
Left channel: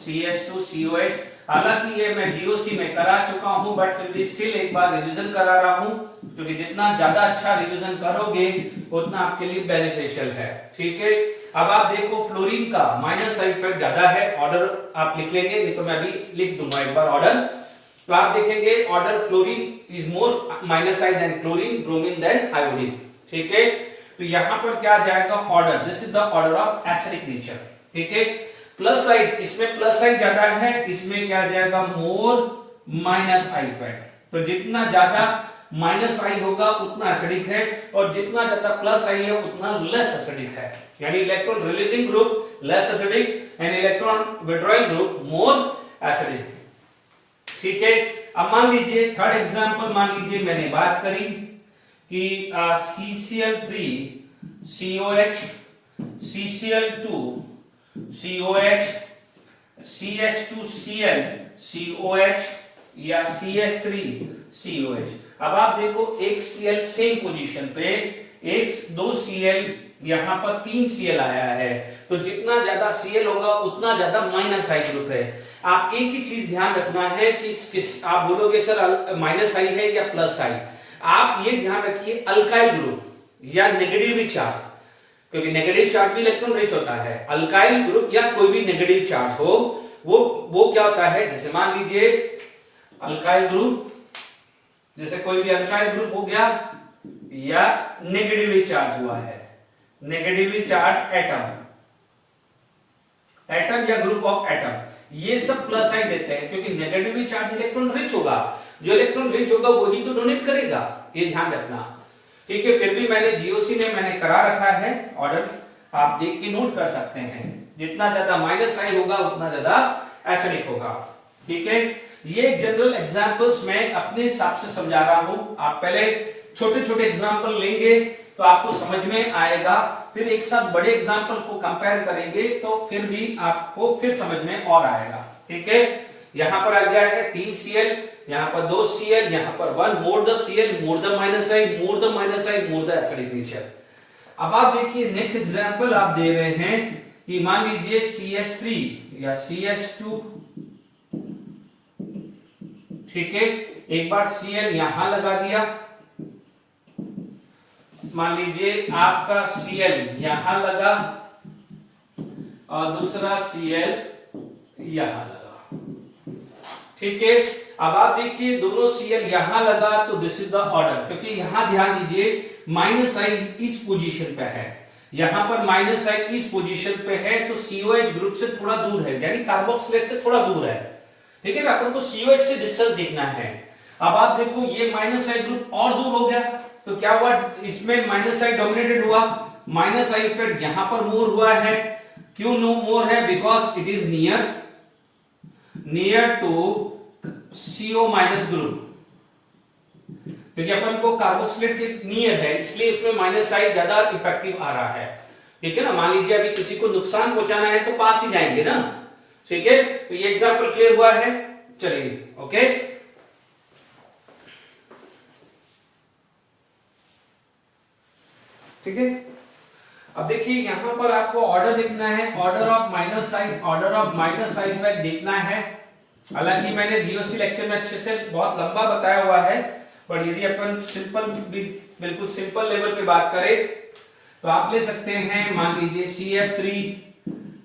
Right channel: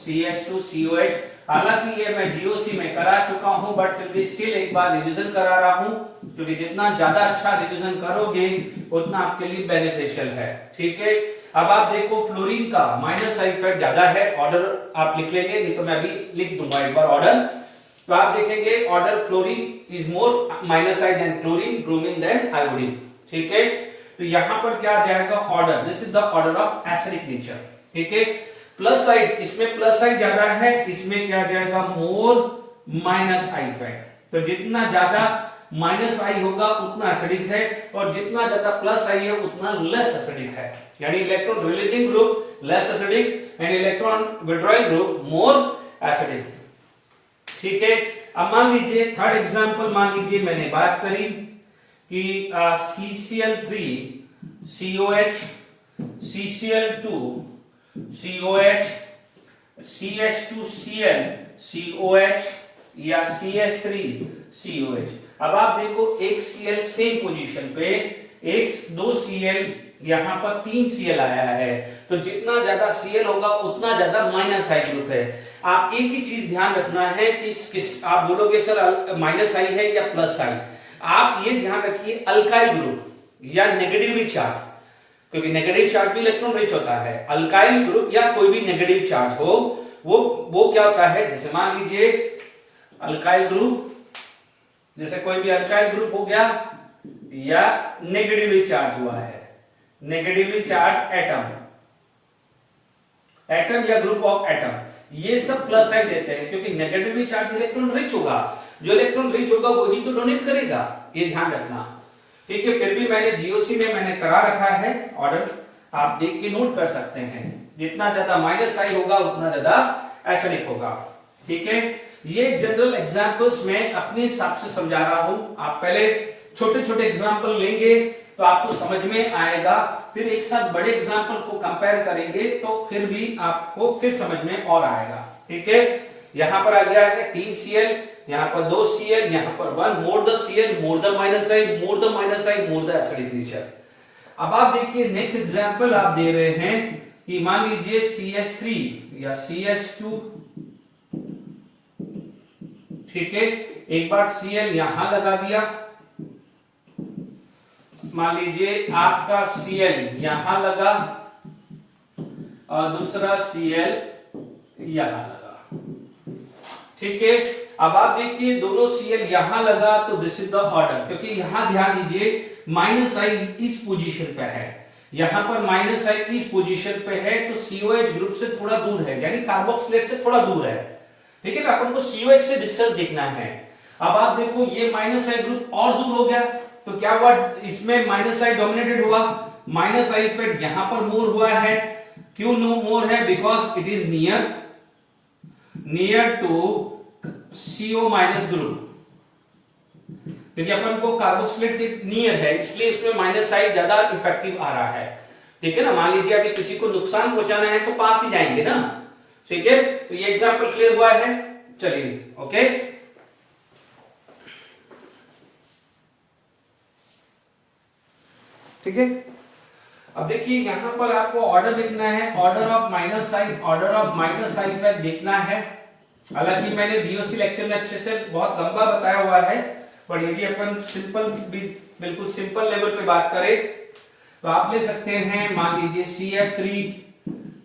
CH2COH। हालांकि ये मैं जीओसी में करा चुका हूं, बट फिर भी स्टिल एक बार रिवीजन करा रहा हूं, क्योंकि जितना ज्यादा अच्छा रिवीजन करोगे उतना आपके लिए बेनिफिशियल है, ठीक है। अब आप देखो फ्लोरीन का माइनस आई इफेक्ट ज्यादा है, ऑर्डर आप लिख लेंगे, नहीं तो मैं भी लिख दूंगा एक बार ऑर्डर। तो आप देखेंगे order fluorine is more minus I than chlorine, bromine than iodine, ठीक है। तो यहां पर क्या जाएगा order, this is the order of acidic nature, ठीक है। प्लस आई, इसमें प्लस आई ज्यादा है, इसमें क्या जाएगा, मोर माइनस आई इफेक्ट। तो जितना ज्यादा माइनस आई होगा उतना एसिडिक है, और जितना ज्यादा प्लस आई है उतना लेस एसिडिक है, यानी electron releasing group less acidic and electron withdrawing group more acidic, ठीक है। अब मान लीजिए थर्ड एग्जांपल, मान लीजिए मैंने बात करी कि CCl3 COH, CCl2 COH, CH2Cl COH या CH3 COH। अब आप देखो एक Cl सेम पोजीशन पे, एक 2 Cl, यहां पर 3 Cl आया है, तो जितना ज्यादा Cl होगा उतना ज्यादा माइनस आई ग्रुप है। आप एक ही चीज ध्यान रखना है कि आप बोलोगे सर माइनस आई है या प्लस आई, आप ये ध्यान रखिए अल्काइल ग्रुप या नेगेटिव चार्ज, क्योंकि नेगेटिव चार्ज भी इलेक्ट्रॉन रिच होता है। अल्काइल ग्रुप या कोई भी नेगेटिव चार्ज हो, वो क्या होता है, जैसे मान लीजिए अल्काइल ग्रुप, जैसे कोई भी अल्काइल ग्रुप हो गया या नेगेटिवली चार्ज हुआ है, नेगेटिवली चार्ज एटम या ग्रुप ऑफ एटम, ये सब प्लस आई देते हैं, क्योंकि नेगेटिवली चार्ज इलेक्ट्रॉन रिच होगा, जो इलेक्ट्रॉन रिच होगा वही तो डोनेट करेगा, ये ध्यान रखना। ठीक है, फिर भी मैंने जीओसी में मैंने करा रखा है ऑर्डर, आप देख के नोट कर सकते हैं। जितना ज्यादा माइनस आई होगा उतना ज्यादा एसिडिक होगा। ठीक है, ये जनरल एग्जांपल्स मैं अपने हिसाब से समझा रहा हूं, आप पहले छोटे छोटे एग्जांपल लेंगे तो आपको समझ में आएगा, फिर एक साथ बड़े एग्जांपल को कंपेयर करेंगे तो फिर भी आपको फिर समझ में और आएगा। ठीक है, यहां पर आ गया है 3 Cl, यहां पर 2 Cl, यहां पर 1 more the Cl, more the minus I, more the minus I, more the acidic nature. अब आप देखिए नेक्स्ट एग्जांपल आप दे रहे हैं कि मान लीजिए CH3 या CH2, ठीक है, एक बार Cl यहां लगा दिया, मान लीजिए आपका Cl यहां लगा और दूसरा Cl यहां लगा। ठीक है, अब आप देखिए दोनों Cl यहां लगा तो दिस इज द ऑर्डर, क्योंकि यहां ध्यान दीजिए माइनस आई इस पोजीशन पे है, यहां पर माइनस आई इस पोजीशन पे है, तो COH ग्रुप से थोड़ा दूर है, यानी कार्बोक्सिलेट से थोड़ा दूर है। ठीक है, अपन को COH से डिस्टेंस देखना है। अब आप देखो ये माइनस आई ग्रुप और दूर हो गया, तो क्या हुआ, इसमें माइनस आई डोमिनेटेड हुआ, माइनस आई इफेक्ट यहां पर मोर हुआ है। क्यों नो मोर है, because it is near to CO minus group, क्योंकि अपन को कार्बोक्सिलेट के नियर है, इसलिए इसमें माइनस आई ज्यादा इफेक्टिव आ रहा है। ठीक है ना, मान लीजिए अभी किसी को नुकसान पहुंचाना है तो पास ही जाएंगे ना। ठीक है, तो ये एग्जांपल क्लियर हुआ है। चलिए ओके, ठीक है, अब देखिए यहां पर आपको ऑर्डर लिखना है, order of minus side effect देखना है। हालांकि मैंने जीओसी लेक्चर में अच्छे से बहुत लंबा बताया हुआ है, पर यदि अपन सिंपल भी बिल्कुल सिंपल लेवल पे बात करें तो आप ले सकते हैं, मान लीजिए CF3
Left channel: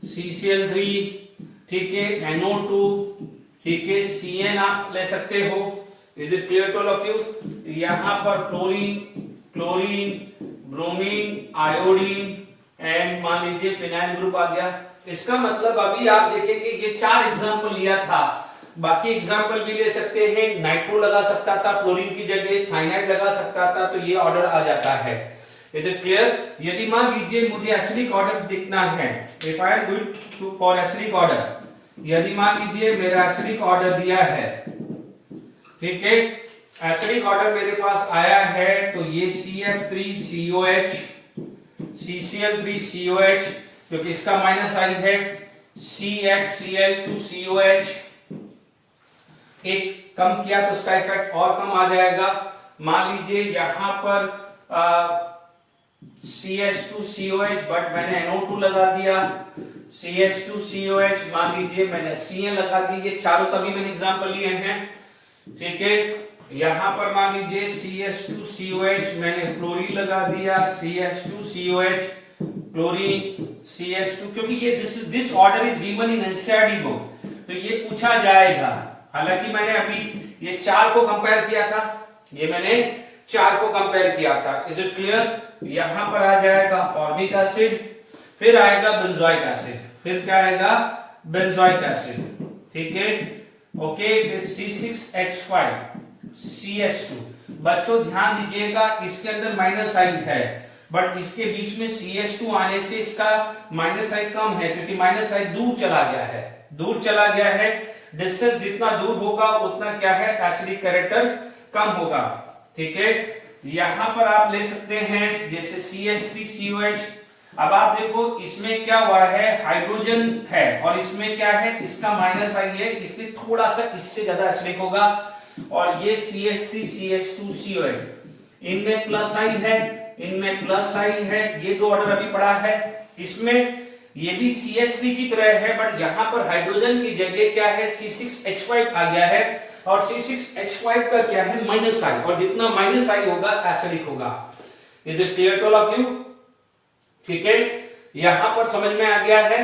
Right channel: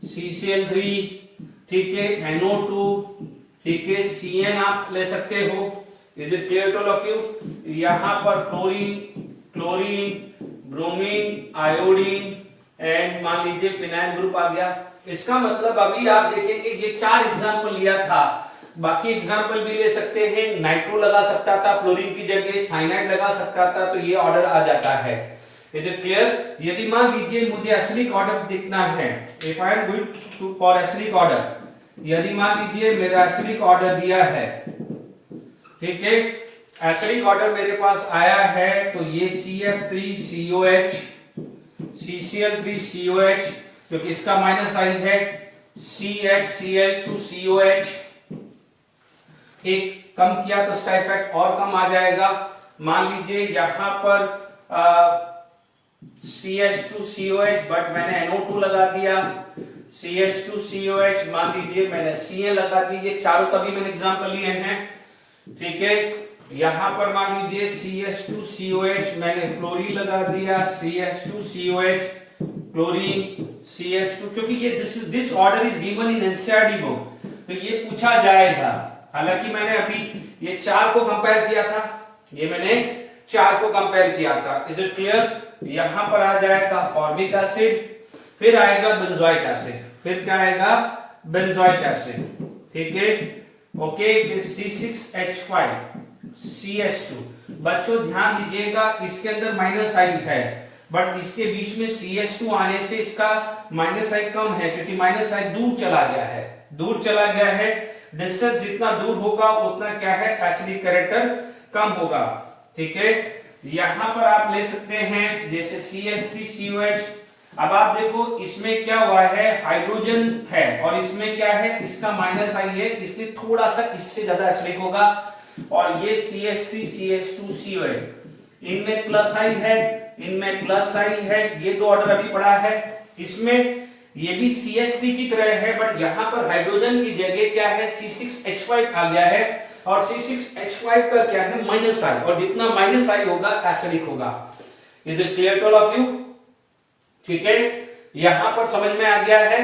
CCl3, ठीक है, NO2, ठीक है, CN आप ले सकते हो। Is it clear to all of you? यहां पर fluorine, chlorine, bromine, iodine and मान लीजिए फिनाइल ग्रुप आ गया। इसका मतलब अभी आप देखेंगे ये 4 एग्जांपल लिया था, बाकी एग्जांपल भी ले सकते हैं, नाइट्रो लगा सकता था फ्लोरीन की जगह, साइनाइड लगा सकता था, तो ये ऑर्डर आ जाता है। Is it clear? यदि मान लीजिए मुझे एसिडिक ऑर्डर देखना है, if I am going to for acidic order, यदि मान लीजिए मेरा एसिडिक ऑर्डर दिया है, ठीक है, एसिडिक ऑर्डर मेरे पास आया है, तो ये CF3COH, CCl3COH, क्योंकि इसका माइनस आई है, CHCl2COH, एक कम किया तो इसका इफेक्ट और कम आ जाएगा। मान लीजिए यहां पर CH2COH, बट मैंने NO2 लगा दिया, CH2COH, मान लीजिए मैंने Cl लगा दी, ये चारों का भी मैंने एग्जांपल लिए हैं। ठीक है, यहां पर मान लीजिए CH2COH, मैंने फ्लोरीन लगा दिया, CH2COH, क्लोरीन, CH2, क्योंकि ये this order is given in NCERT book, तो ये पूछा जाएगा। हालांकि मैंने अभी ये 4 को कंपेयर किया था, ये मैंने 4 को कंपेयर किया था। Is it clear? यहां पर आ जाएगा फॉर्मिक एसिड, फिर आएगा बेंजोइक एसिड, फिर क्या आएगा, बेंजोइक एसिड, ठीक है, ओके, फिर C6H5 CH2। बच्चों ध्यान दीजिएगा, इसके अंदर माइनस आई है, बट इसके बीच में CH2 आने से इसका माइनस आई कम है, क्योंकि माइनस आई दूर चला गया है, दूर चला गया है। डिस्टेंस जितना दूर होगा उतना क्या है, एसिडिक कैरेक्टर कम होगा। ठीक है, यहां पर आप ले सकते हैं जैसे CH3COH। अब आप देखो इसमें क्या हुआ है, हाइड्रोजन है और इसमें क्या है, इसका माइनस आई है, इसलिए थोड़ा सा इससे ज्यादा एसिडिक होगा। और ये CH3CH2COH, इनमें प्लस आई है, इनमें प्लस आई है, ये 2 ऑर्डर अभी पड़ा है। इसमें ये भी CH3 की तरह है, बट यहां पर हाइड्रोजन की जगह क्या है, C6H5 आ गया है, और C6H5 का क्या है, माइनस आई, और जितना माइनस आई होगा एसिडिक होगा। Is it clear to all of you? ठीक है, यहां पर समझ में आ गया है।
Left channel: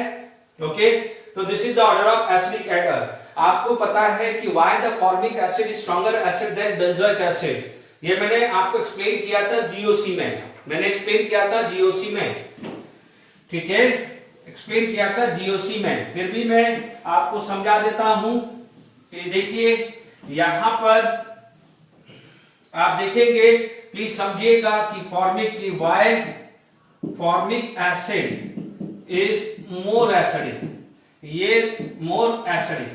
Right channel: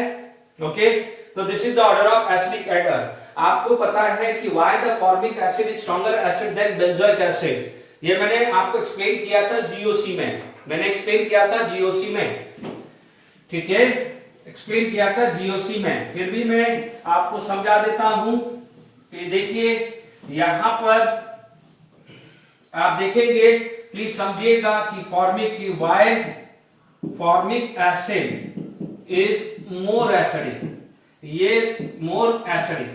ओके, तो this is the order of acidic एडर। आपको पता है कि why the formic acid is stronger acid than benzoic acid, ये मैंने आपको एक्सप्लेन किया था जीओसी में, मैंने एक्सप्लेन किया था जीओसी में, ठीक है, एक्सप्लेन किया था जीओसी में, फिर भी मैं आपको समझा देता हूं कि देखिए यहां पर आप देखेंगे प्लीज समझिएगा कि formic acid is more acidic, ये more acidic,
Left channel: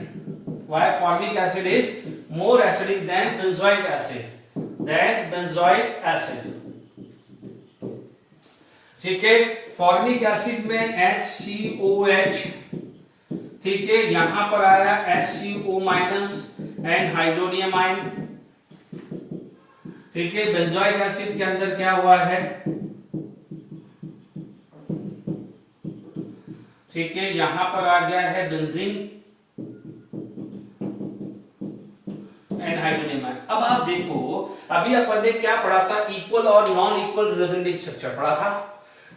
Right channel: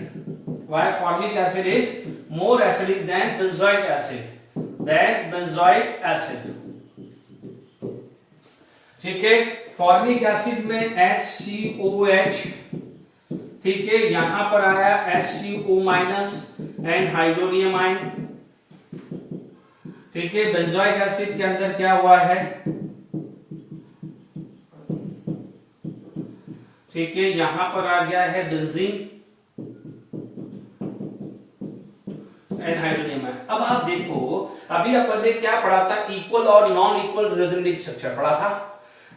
why formic acid is more acidic than benzoic acid, ठीक है। फॉर्मिक एसिड में HCOH, ठीक है, यहां पर आया HCO minus and hydronium ion, ठीक है। बेंजोइक एसिड के अंदर क्या हुआ है, ठीक है, यहां पर आ गया है बेंजीन एंड हाइड्रोनियम आयन। अब आप देखो, अभी अपन ने क्या पढ़ा था, इक्वल और नॉन इक्वल रेजोनेटिव स्ट्रक्चर पढ़ा था।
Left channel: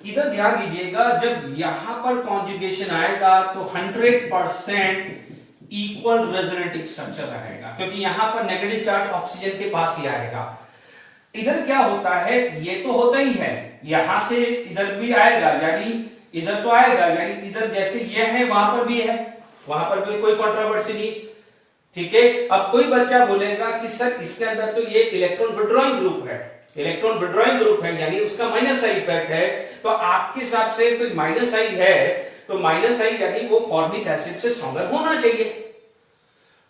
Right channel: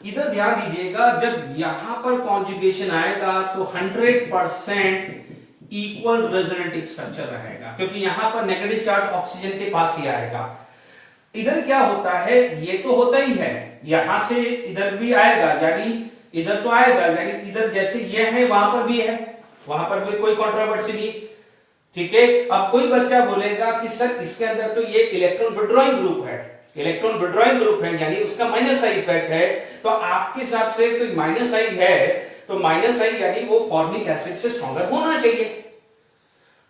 इधर ध्यान दीजिएगा, जब यहां पर कॉन्जुगेशन आएगा तो 100% इक्वल रेजोनेटिव स्ट्रक्चर रहेगा, क्योंकि यहां पर नेगेटिव चार्ज ऑक्सीजन के पास ही आएगा। इधर क्या होता है, ये तो होता ही है, यहां से इधर भी आएगा, यानी इधर तो आएगा, यानी इधर जैसे ये है वहां पर भी है, वहां पर भी कोई कंट्रोवर्सी नहीं, ठीक है। अब कोई बच्चा बोलेगा कि सर इसके अंदर तो ये इलेक्ट्रॉन विड्रॉइंग ग्रुप है, इलेक्ट्रॉन विड्रॉइंग ग्रुप है, यानी उसका माइनस आई इफेक्ट है, तो आपके हिसाब से तो माइनस आई है, तो माइनस आई यानी वो फॉर्मिक एसिड से स्ट्रॉन्गर होना चाहिए,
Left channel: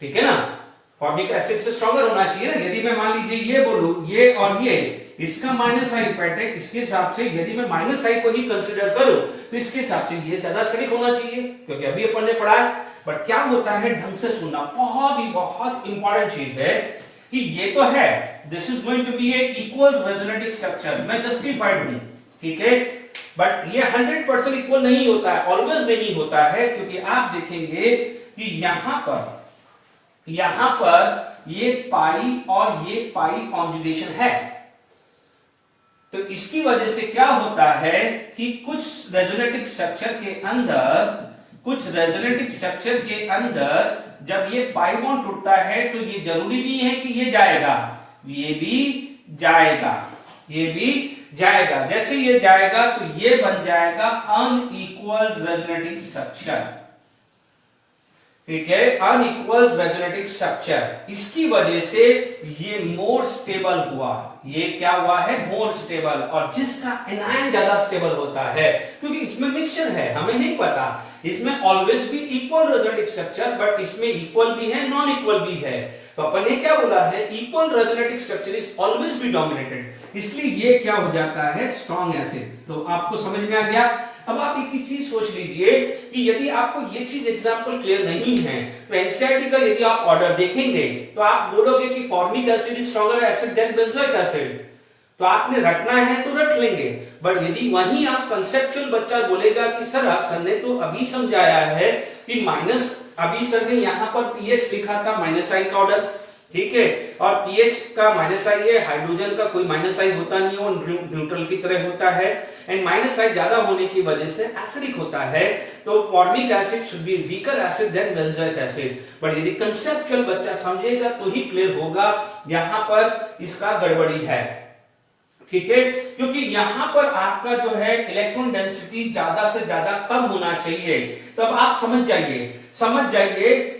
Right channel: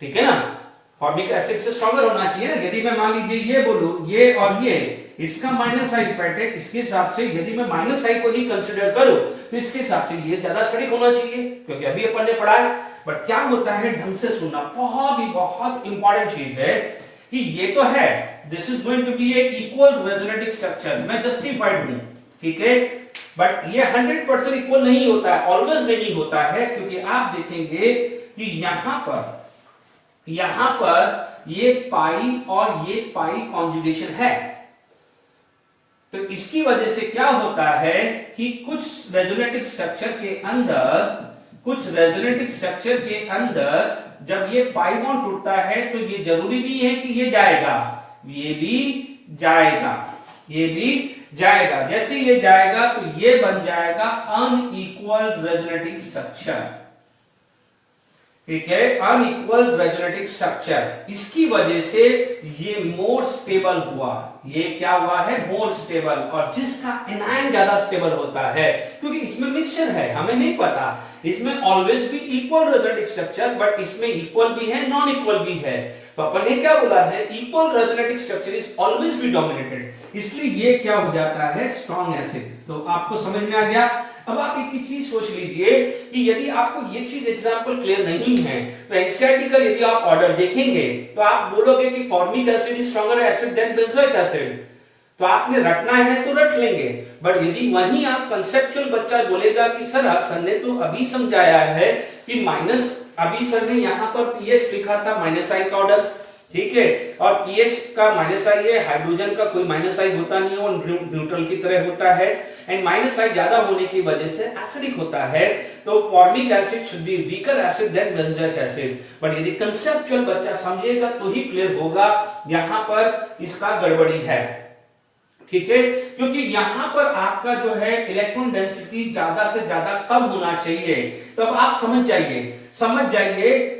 ठीक है ना, फॉर्मिक एसिड से स्ट्रॉन्गर होना चाहिए ना। यदि मैं मान लीजिए ये बोलूं, ये और ये, इसका माइनस आई इफेक्ट है, इसके हिसाब से यदि मैं माइनस आई को ही कंसिडर करूं तो इसके हिसाब से ये ज्यादा एसिडिक होना चाहिए, क्योंकि अभी अपन ने पढ़ा है। बट क्या होता है, ढंग से सुनना बहुत इंपॉर्टेंट चीज है कि ये तो है, this is going to be a equal resonative structure, मैं जस्टिफाइड हूं, ठीक है। बट ये 100% इक्वल नहीं होता है, ऑलवेज नहीं होता है, क्योंकि आप देखेंगे कि यहां पर ये पाई और ये पाई कॉन्जुगेशन है, तो इसकी वजह से क्या होता है कि कुछ रेजोनेटिव स्ट्रक्चर के अंदर जब ये पाई बॉन्ड टूटता है तो ये जरूरी नहीं है कि ये जाएगा, ये भी जाएगा, जैसे ये जाएगा तो ये बन जाएगा अनइक्वल रेजोनेटिव स्ट्रक्चर, ठीक है, अनइक्वल रेजोनेटिव स्ट्रक्चर। इसकी वजह से ये मोर स्टेबल हुआ, ये क्या हुआ है, मोर स्टेबल, और जिसका एनायन ज्यादा स्टेबल होता है, क्योंकि इसमें मिक्सचर है, हमें नहीं पता, इसमें ऑलवेज भी इक्वल रेजोनेटिव स्ट्रक्चर, बट इसमें इक्वल भी है, नॉन इक्वल भी है, तो अपन ने क्या बोला है, equal resonative structure is always be dominated, इसलिए ये क्या हो जाता है, स्ट्रॉन्ग एसिड। तो आपको समझ में आ गया। अब आप एक ही चीज सोच लीजिए कि यदि आपको ये चीज एग्जांपल क्लियर नहीं है तो एनसीईआरटी का यदि आप ऑर्डर देखेंगे तो आप बोलोगे कि formic acid is stronger acid than benzoic acid, तो आपने रटना है तो रट लेंगे। बट यदि वहीं आप कंसेप्चुअल बच्चा बोलेगा कि सर ने तो अभी समझाया है कि माइनस, अभी सर ने यहाँ पर पीएच लिखा था माइनस आई का ऑर्डर, ठीक है, और पीएच का माइनस आई है, हाइड्रोजन का कोई माइनस आई होता नहीं है, वो न्यूट्रल की तरह होता है, एंड माइनस आई ज्यादा होने की वजह से एसिडिक होता है, तो formic acid should be weaker acid than benzoic acid. But यदि कंसेप्चुअल बच्चा समझेगा तो ही क्लियर होगा, यहां पर इसका गड़बड़ी है, ठीक है, क्योंकि यहां पर आपका जो है इलेक्ट्रॉन डेंसिटी ज्यादा से ज्यादा कम होना चाहिए। तो अब आप समझ जाइए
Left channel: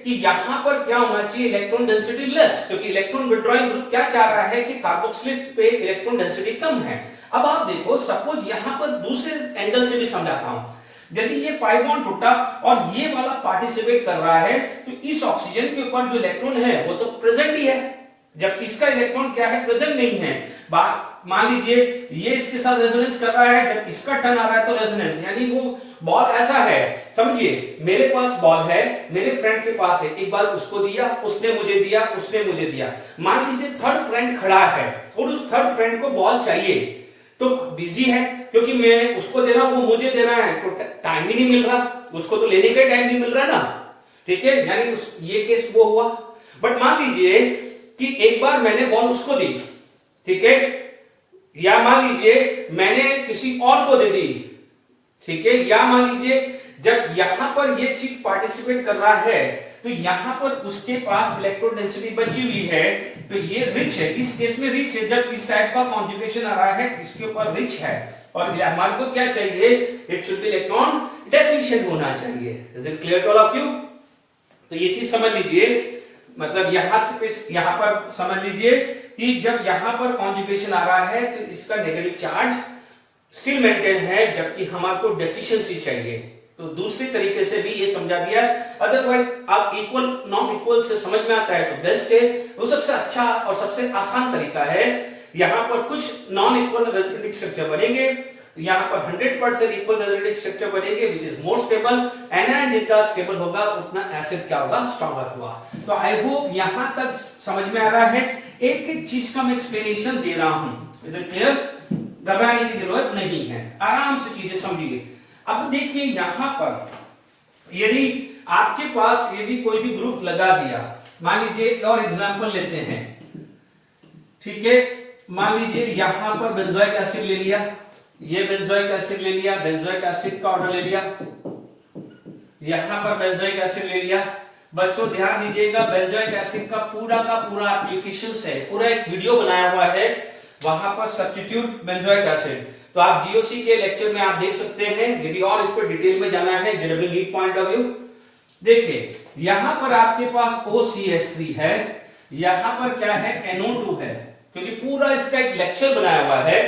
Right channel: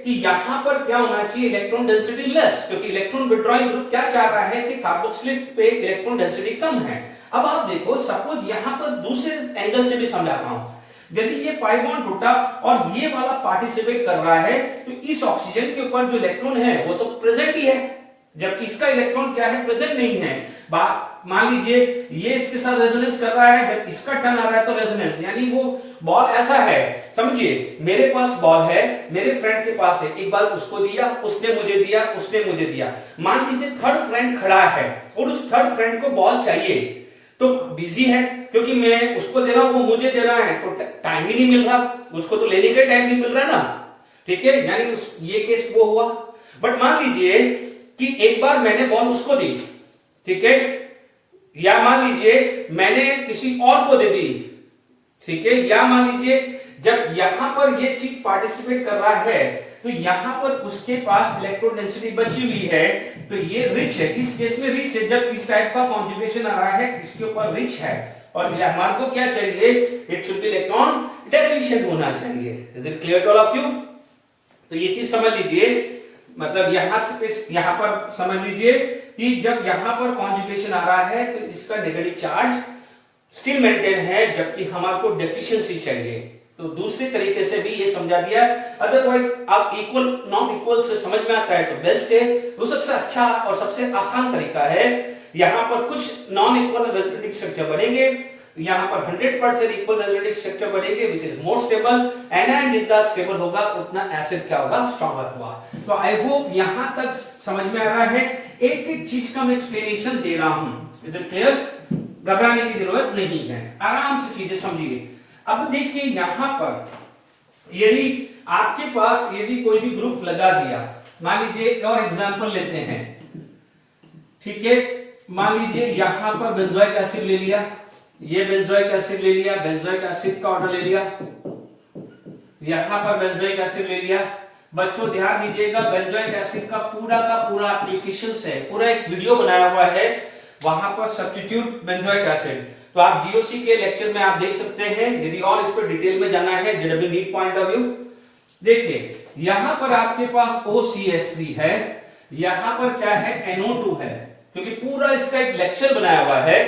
कि यहां पर क्या होना चाहिए, इलेक्ट्रॉन डेंसिटी लेस, क्योंकि इलेक्ट्रॉन विड्रॉइंग ग्रुप क्या चाह रहा है कि कार्बोक्सिलिक पे इलेक्ट्रॉन डेंसिटी कम है। अब आप देखो, सपोज यहां पर दूसरे एंगल से भी समझाता हूं, यदि ये पाई बॉन्ड टूटा और ये वाला पार्टिसिपेट कर रहा है तो इस ऑक्सीजन के ऊपर जो इलेक्ट्रॉन है वो तो प्रेजेंट ही है, जबकि इसका इलेक्ट्रॉन क्या है, प्रेजेंट नहीं है। मान लीजिए ये इसके साथ रेजोनेंस कर रहा है, जब इसका टर्न आ रहा है तो रेजोनेंस, यानी वो बॉल ऐसा है, समझिए मेरे पास बॉल है, मेरे फ्रेंड के पास है, एक बार उसको दिया, उसने मुझे दिया, उसने मुझे दिया, मान लीजिए थर्ड फ्रेंड खड़ा है और उस थर्ड फ्रेंड को बॉल चाहिए, तो बिजी है क्योंकि मैं उसको दे रहा हूं, वो मुझे दे रहा है, तो टाइम ही नहीं मिल रहा, उसको तो लेने का टाइम नहीं मिल रहा ना, ठीक है, यानी ये केस वो हुआ। बट मान लीजिए कि एक बार मैंने बॉल उसको दी, ठीक है, या मान लीजिए मैंने किसी और को दे दी, ठीक है, या मान लीजिए जब यहां पर ये चीज पार्टिसिपेट कर रहा है तो यहां पर उसके पास इलेक्ट्रॉन डेंसिटी बची हुई है, तो ये रिच है, इस केस में रिच है, जब इस टाइप का कॉन्जुगेशन आ रहा है इसके ऊपर रिच है, और हमारे को क्या चाहिए, it should be electron deficient होना चाहिए। Is it clear to all of you? तो ये चीज समझ लीजिए, मतलब यहां पर समझ लीजिए कि जब यहां पर कॉन्जुगेशन आ रहा है तो इसका नेगेटिव चार्ज स्टिल मेंटेन है, जबकि हमारे को डेफिशिएंसी चाहिए। तो दूसरी तरीके से भी ये समझा दिया। अदरवाइज आप इक्वल नॉन इक्वल से समझ में आता है तो बेस्ट है, वो सबसे अच्छा और सबसे आसान तरीका है। यहां पर कुछ नॉन इक्वल रेजोनेटिंग स्ट्रक्चर बनेंगे, यहां पर 100% इक्वल रेजोनेटिंग स्ट्रक्चर बनेंगे which is more stable, and जितना स्टेबल होगा उतना एसिड क्या होगा, स्ट्रॉन्गर हुआ। तो आई होप यहां तक समझ में आ रहा है। एक एक चीज का मैं एक्सप्लेनेशन दे रहा हूं, इधर क्लियर, घबराने की जरूरत नहीं है, आराम से चीजें समझिए। अब देखिए यहां पर यदि आपके पास यदि कोई भी ग्रुप लगा दिया, मान लीजिए और एग्जांपल लेते हैं, ठीक है, मान लीजिए यहां पर बेंजोइक एसिड ले लिया, ये बेंजोइक एसिड ले लिया, बेंजोइक एसिड का ऑर्डर ले लिया, यहां पर बेंजोइक एसिड ले लिया। बच्चों ध्यान दीजिएगा, बेंजोइक एसिड का पूरा एप्लीकेशन है, पूरा एक वीडियो बनाया हुआ है, वहां पर सब्स्टिट्यूट बेंजोइक एसिड। तो आप जीओसी के लेक्चर में आप देख सकते हैं, यदि और इस पर डिटेल में जाना है JW NEET point of view. देखिए यहां पर आपके पास OCH3 है, यहां पर क्या है, NO2 है, क्योंकि पूरा इसका एक लेक्चर बनाया हुआ है,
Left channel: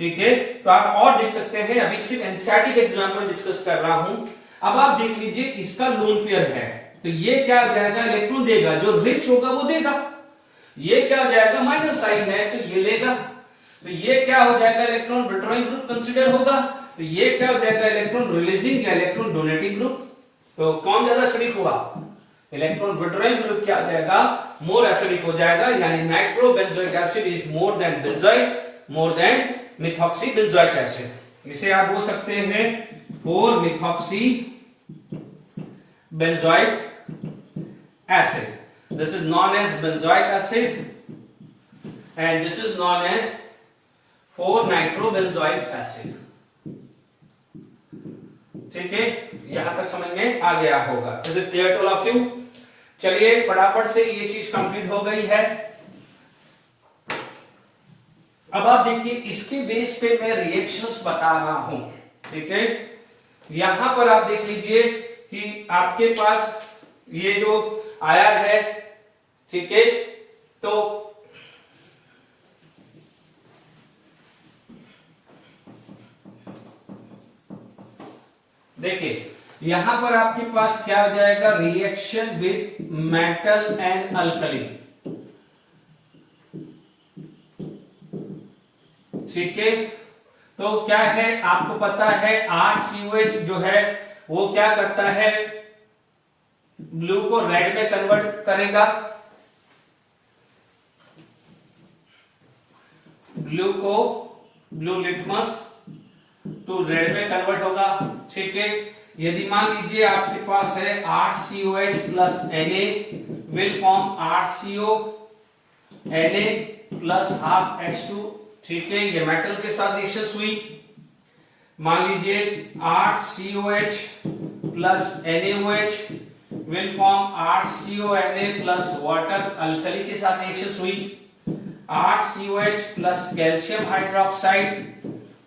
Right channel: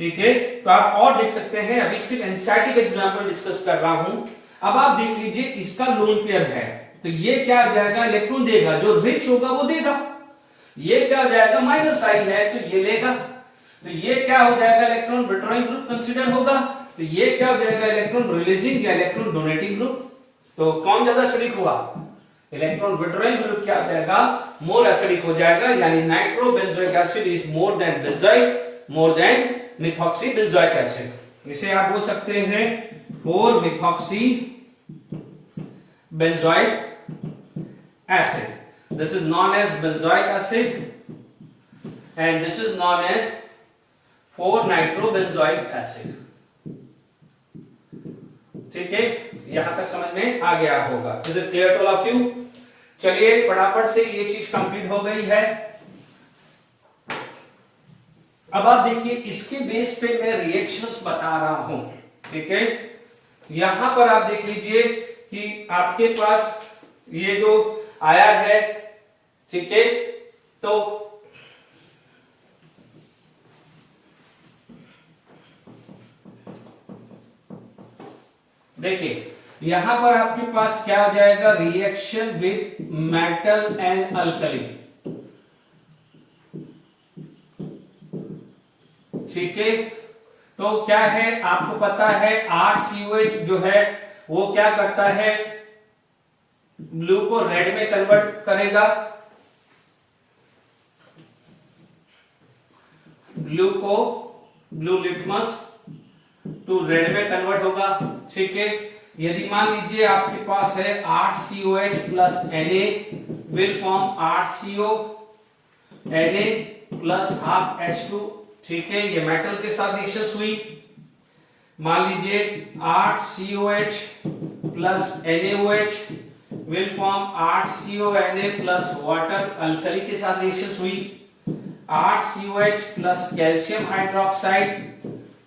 ठीक है। तो आप और देख सकते हैं, अभी सिर्फ एनसीईआरटी का एग्जांपल डिस्कस कर रहा हूं। अब आप देख लीजिए इसका लोन पेयर है, तो ये क्या आ जाएगा, इलेक्ट्रॉन देगा, जो रिच होगा वो देगा। ये क्या आ जाएगा, माइनस साइन है तो ये लेगा। तो ये क्या हो जाएगा, इलेक्ट्रॉन विड्रॉइंग ग्रुप कंसीडर होगा। तो ये क्या हो जाएगा, इलेक्ट्रॉन रिलीजिंग या इलेक्ट्रॉन डोनेटिंग ग्रुप। तो कौन ज्यादा एसिडिक होगा, इलेक्ट्रॉन विड्रॉइंग ग्रुप क्या हो जाएगा, मोर एसिडिक हो जाएगा, यानी nitro benzoic acid is more than benzoic, more than methoxy benzoic acid. इसे आप बोल सकते हैं 4 methoxy benzoic acid. This is known as benzoic acid and this is known as 4-nitrobenzoic acid. ठीक है, यहां तक समझ में आ गया होगा। Is it clear to all of you? चलिए फटाफट से ये चीज कंप्लीट हो गई है। अब आप देखिए इसके बेस पे मैं रिएक्शंस बता रहा हूं, ठीक है। यहां पर आप देख लीजिए कि आपके पास ये जो आया है, ठीक है, तो देखिए यहां पर आपके पास क्या आ जाएगा, reaction with metal and alkali, ठीक है। तो क्या है, आपको पता है RCOH जो है वो क्या करता है, ब्लू को रेड में कन्वर्ट करेगा, ब्लू लिटमस टू रेड में कन्वर्ट होगा, ठीक है। यदि मान लीजिए आपके पास है RCOH plus Na will form RCO Na plus half H2, ठीक है, ये मेटल के साथ रिएक्शन हुई। मान लीजिए RCOH plus NaOH will form RCONa plus water, alkali के साथ रिएक्शन हुई। RCOH plus calcium hydroxide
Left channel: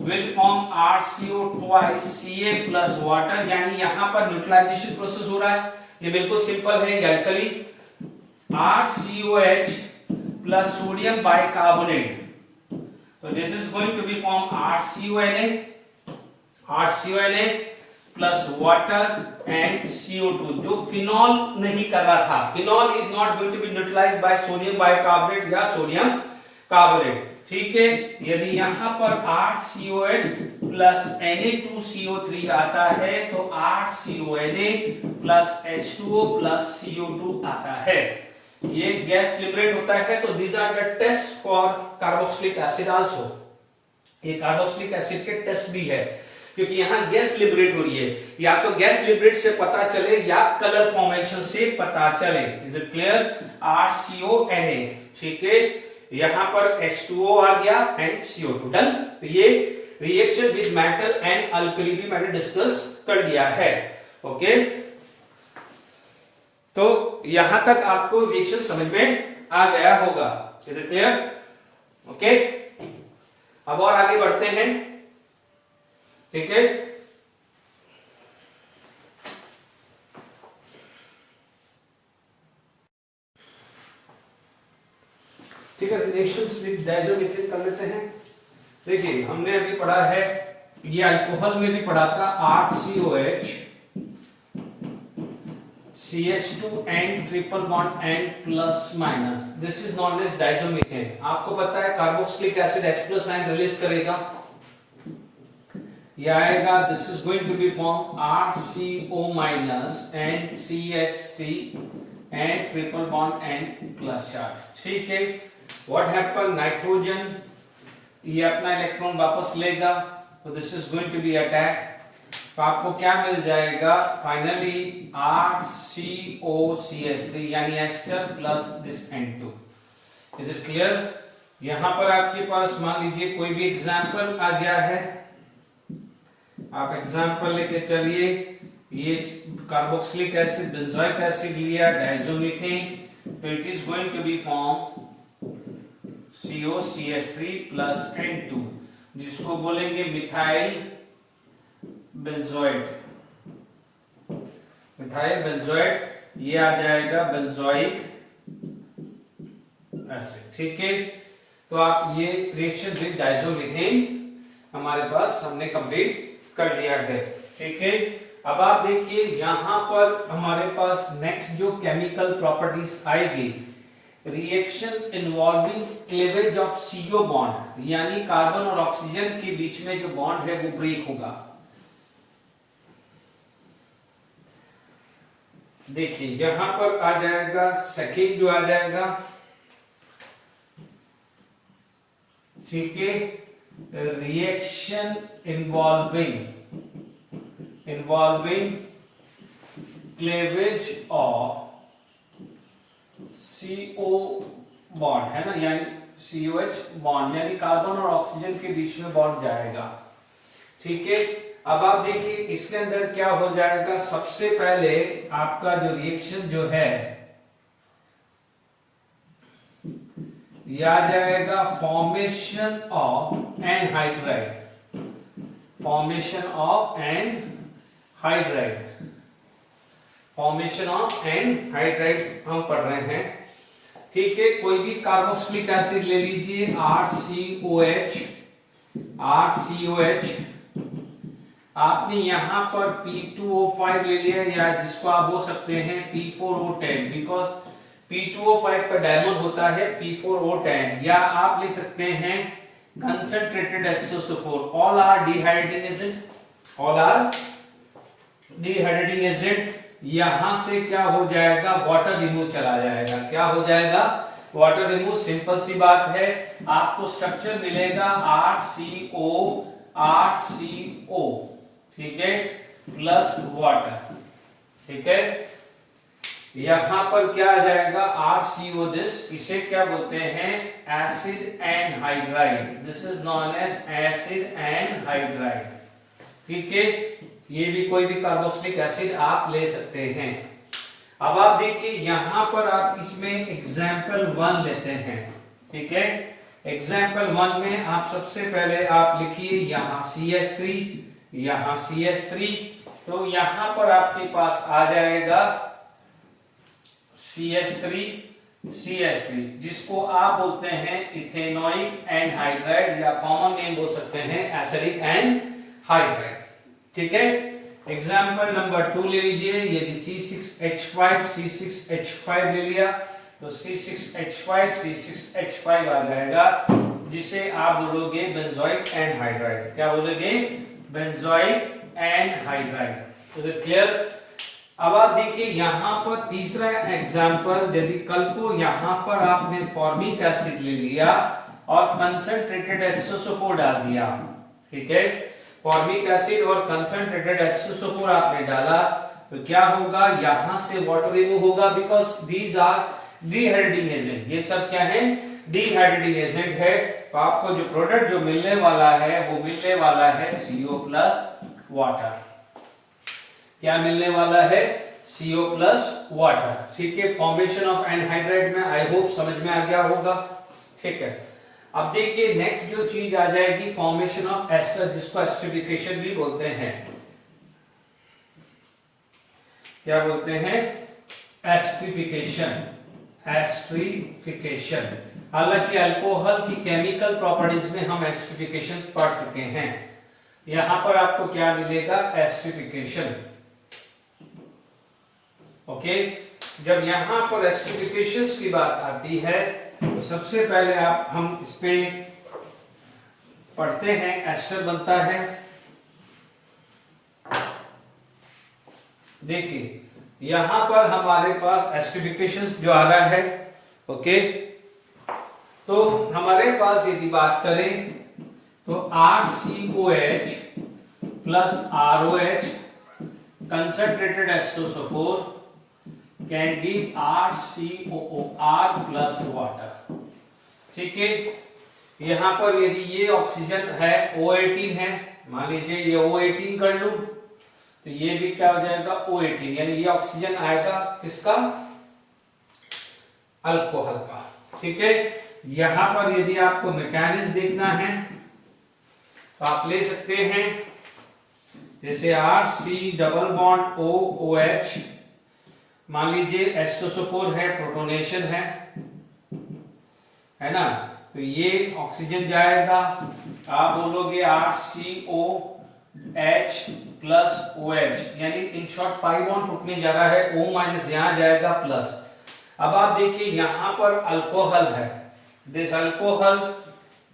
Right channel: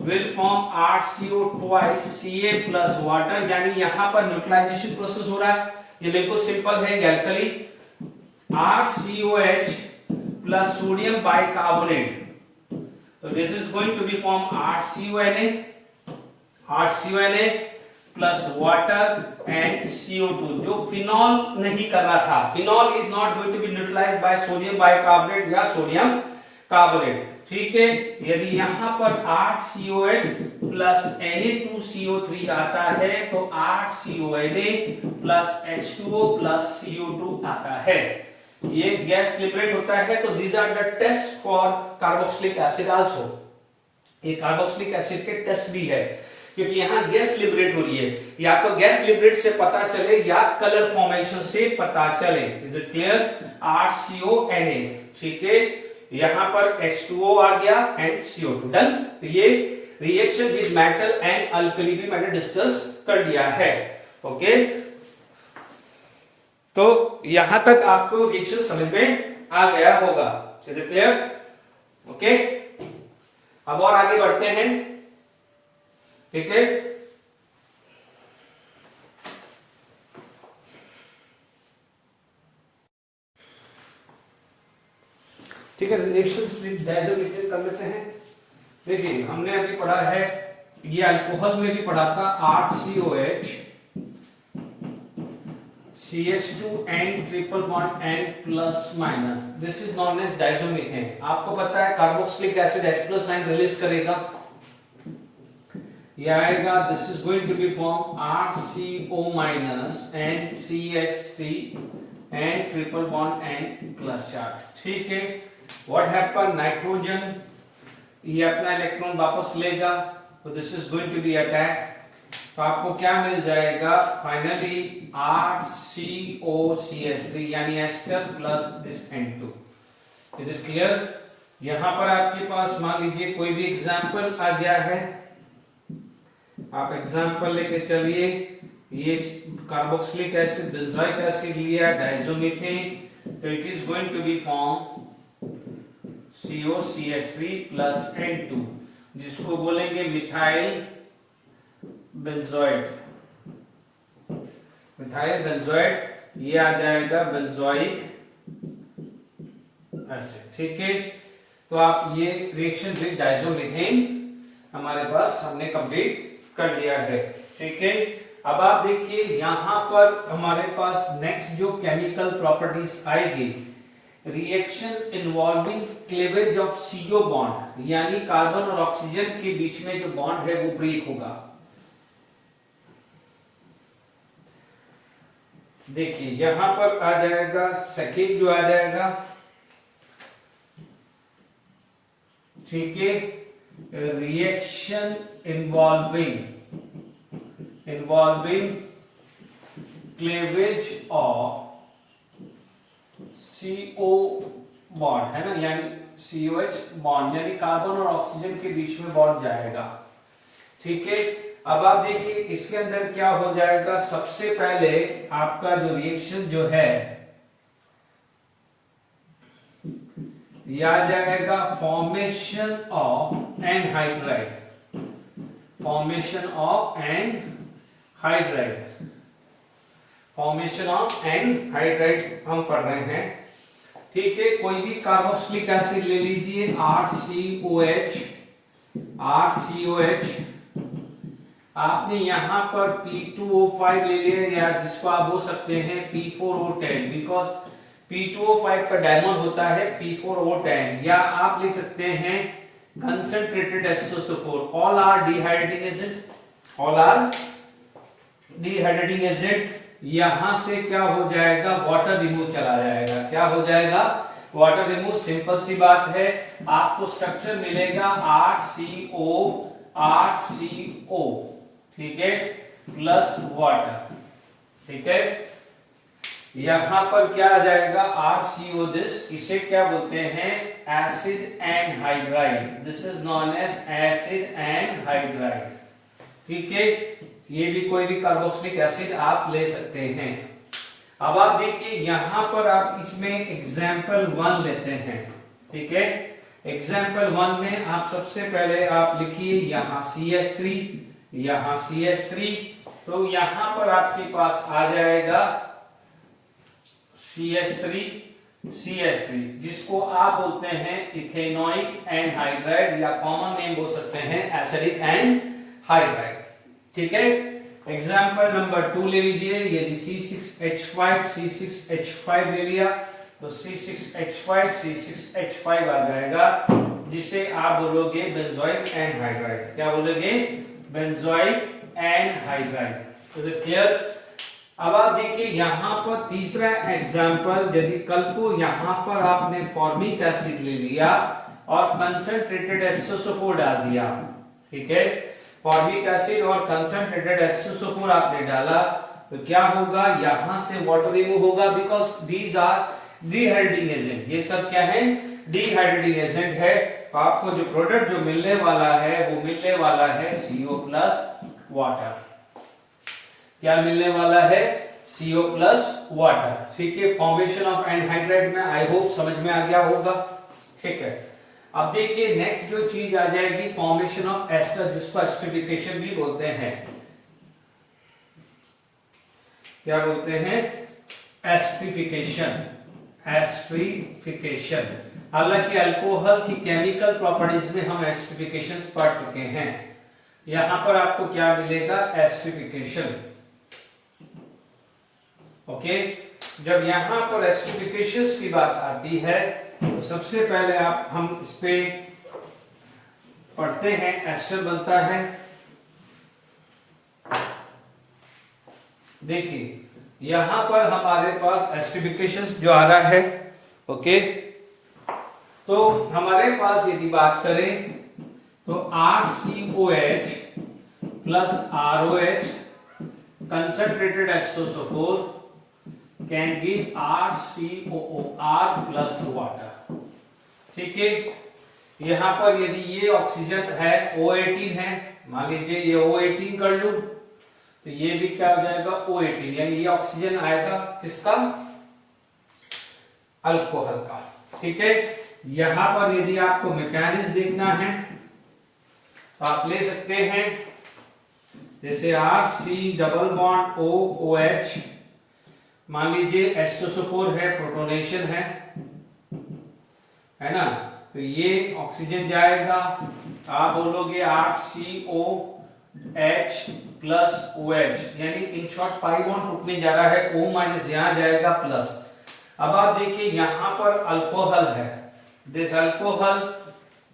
will form RCO twice Ca plus water, यानी यहां पर न्यूट्रलाइजेशन प्रोसेस हो रहा है, ये बिल्कुल सिंपल है, ये alkali. RCOH plus sodium bicarbonate, तो this is going to be form RCONa plus water and CO2, जो फिनॉल नहीं कर रहा था। Phenol is not going to be neutralised by sodium bicarbonate या सोडियम कार्बोनेट, ठीक है। यदि यहां पर RCOH प्लस Na2CO3 आता है तो RCONa plus H2O plus CO2 आता है, ये गैस लिबरेट होता है। तो these are the test for carboxylic acid also, ये कार्बोक्सिलिक एसिड के टेस्ट भी है, क्योंकि यहां गैस लिबरेट हो रही है। या तो गैस लिबरेट से पता चले या कलर फॉर्मेशन से पता चले। इज इट क्लियर, RCONa, ठीक है, यहां पर H2O आ गया एंड CO2, डन। तो ये reaction with metal and alkali भी मैंने डिस्कस कर लिया है, ओके। तो यहां तक आपको रिएक्शन समझ में आ गया होगा, इज इट क्लियर, ओके। अब और आगे बढ़ते हैं, ठीक है। ठीक है, रिएक्शंस विद डायज़ोमीथेन कर लेते हैं। देखिए हमने अभी पढ़ा है, ये अल्कोहल में भी पढ़ा था, 8COH CH2N triple bond N plus minus, this is known as diazomethane. आपको पता है carboxylic acid H+ sign release करेगा, ये आएगा, this is going to be form RCO minus NCH3 N triple bond N plus charge. ठीक है, what happen, nitrogen ये अपना इलेक्ट्रॉन वापस लेगा, तो this is going to be attack, तो आपको क्या मिल जाएगा फाइनली RCOCH3 यानी ester plus this N2। Is it clear? यहां पर आपके पास मान लीजिए कोई भी एग्जाम्पल आ गया है, आप एग्जाम्पल लेके चलिए। ये कार्बोक्सिलिक एसिड बेंजोइक एसिड लिया, डायज़ोमीथेन, तो it is going to be form COCH3 plus N2, जिसको बोलेंगे मिथाइल बेंजोएट। मिथाइल बेंजोएट ये आ जाएगा बेंजोइक एसिड। ठीक है, तो आप ये रिएक्शन विद डायज़ोमीथेन हमारे पास हमने कंप्लीट कर दिया है। ठीक है, अब आप देखिए यहां पर हमारे पास नेक्स्ट जो केमिकल प्रॉपर्टीज आएगी, reaction involving cleavage of CO bond, यानी कार्बन और ऑक्सीजन के बीच में जो बॉन्ड है वो ब्रेक होगा। देखिए यहां पर आ जाएगा सेकेंड जो आ जाएगा, ठीक है, reaction involving cleavage of CO bond है ना, यानी COH बॉन्ड, यानी कार्बन और ऑक्सीजन के बीच में बॉन्ड जाएगा। ठीक है, अब आप देखिए इसके अंदर क्या हो जाएगा, सबसे पहले आपका जो रिएक्शन जो है ये आ जाएगा formation of anhydride, formation of anhydride, formation of anhydride हम पढ़ रहे हैं। ठीक है, कोई भी कार्बोक्सिलिक एसिड ले लीजिए, RCOH, आपने यहां पर P2O5 ले लिया, या जिसको आप बोल सकते हैं P4O10, बिकॉज P2O5 का डायमंड होता है P4O10, या आप लिख सकते हैं concentrated SO4, all are dehydrating agent, all are dehydrating agent. यहां से क्या हो जाएगा, वाटर रिमूव चला जाएगा, क्या हो जाएगा, वाटर रिमूव। सिंपल सी बात है, आपको स्ट्रक्चर मिलेगा RCO, ठीक है, प्लस वाटर। ठीक है, यहां पर क्या आ जाएगा, RCO दिस, इसे क्या बोलते हैं, acid anhydride, this is known as acid anhydride. ठीक है, ये भी कोई भी कार्बोक्सिलिक एसिड आप ले सकते हैं। अब आप देखिए यहां पर आप इसमें एग्जाम्पल 1 लेते हैं। ठीक है, एग्जाम्पल 1 में आप सबसे पहले आप लिखिए यहां CH3, यहां CH3, तो यहां पर आपके पास आ जाएगा CH3, जिसको आप बोलते हैं इथेनोइक एनहाइड्राइड, या कॉमन नेम बोल सकते हैं एसिडिक एनहाइड्राइड। ठीक है, एग्जाम्पल नंबर 2 ले लीजिए, यदि C6H5 ले लिया, तो C6H5 आ जाएगा, जिसे आप बोलोगे बेंजोइक एनहाइड्राइड। क्या बोलोगे, benzoic anhydride. Is it clear? अब आप देखिए यहां पर तीसरा एग्जाम्पल, यदि कल को यहां पर आपने फॉर्मिक एसिड ले लिया और कंसंट्रेटेड SO4 डाल दिया, ठीक है, फॉर्मिक एसिड और कंसंट्रेटेड SO4 आपने डाला, तो क्या होगा, यहां से वाटर रिमूव होगा, because these are dehydrating agent. ये सब क्या है, डिहाइड्रेटिंग एजेंट है। तो आपको जो प्रोडक्ट जो मिलने वाला है वो मिलने वाला है CO प्लस वाटर। क्या मिलने वाला है, CO प्लस वाटर। ठीक है, फॉर्मेशन ऑफ एनहाइड्राइड में आई होप समझ में आ गया होगा। ठीक है, अब देखिए नेक्स्ट जो चीज आ जाएगी, फॉर्मेशन ऑफ एस्टर, जिसको एस्टरिफिकेशन भी बोलते हैं। क्या बोलते हैं, एस्टरिफिकेशन। हालांकि अल्कोहल की केमिकल प्रॉपर्टीज में हम एस्टरिफिकेशन पढ़ चुके हैं। यहां पर आपको क्या मिलेगा, एस्टरिफिकेशन। ओके, जब यहां पर एस्टरिफिकेशन की बात आती है तो सबसे पहले हम इस पे पढ़ते हैं। एस्टर बनता है, देखिए यहां पर हमारे पास एस्टरिफिकेशन जो आ रहा है। ओके, तो हमारे पास यदि बात करें तो RCOH plus ROH concentrated H2SO4 can give RCOOR plus water. ठीक है, यहां पर यदि ये ऑक्सीजन है O18 है, मान लीजिए ये O18 कर लूं तो ये भी क्या हो जाएगा, O18, यानी ये ऑक्सीजन आएगा किसका, अल्कोहल का। ठीक है, यहां पर यदि आपको मैकेनिज्म देखना है तो आप ले सकते हैं, जैसे RC डबल बॉन्ड OOH, मान लीजिए H2SO4 है, प्रोटोनेशन है ना, तो ये ऑक्सीजन जाएगा, आप बोलोगे RCOH प्लस OH, यानी इन शॉर्ट पाई बॉन्ड रुकने जा रहा है, O माइनस यहां जाएगा प्लस। अब आप देखिए यहां पर अल्कोहल है, दिस अल्कोहल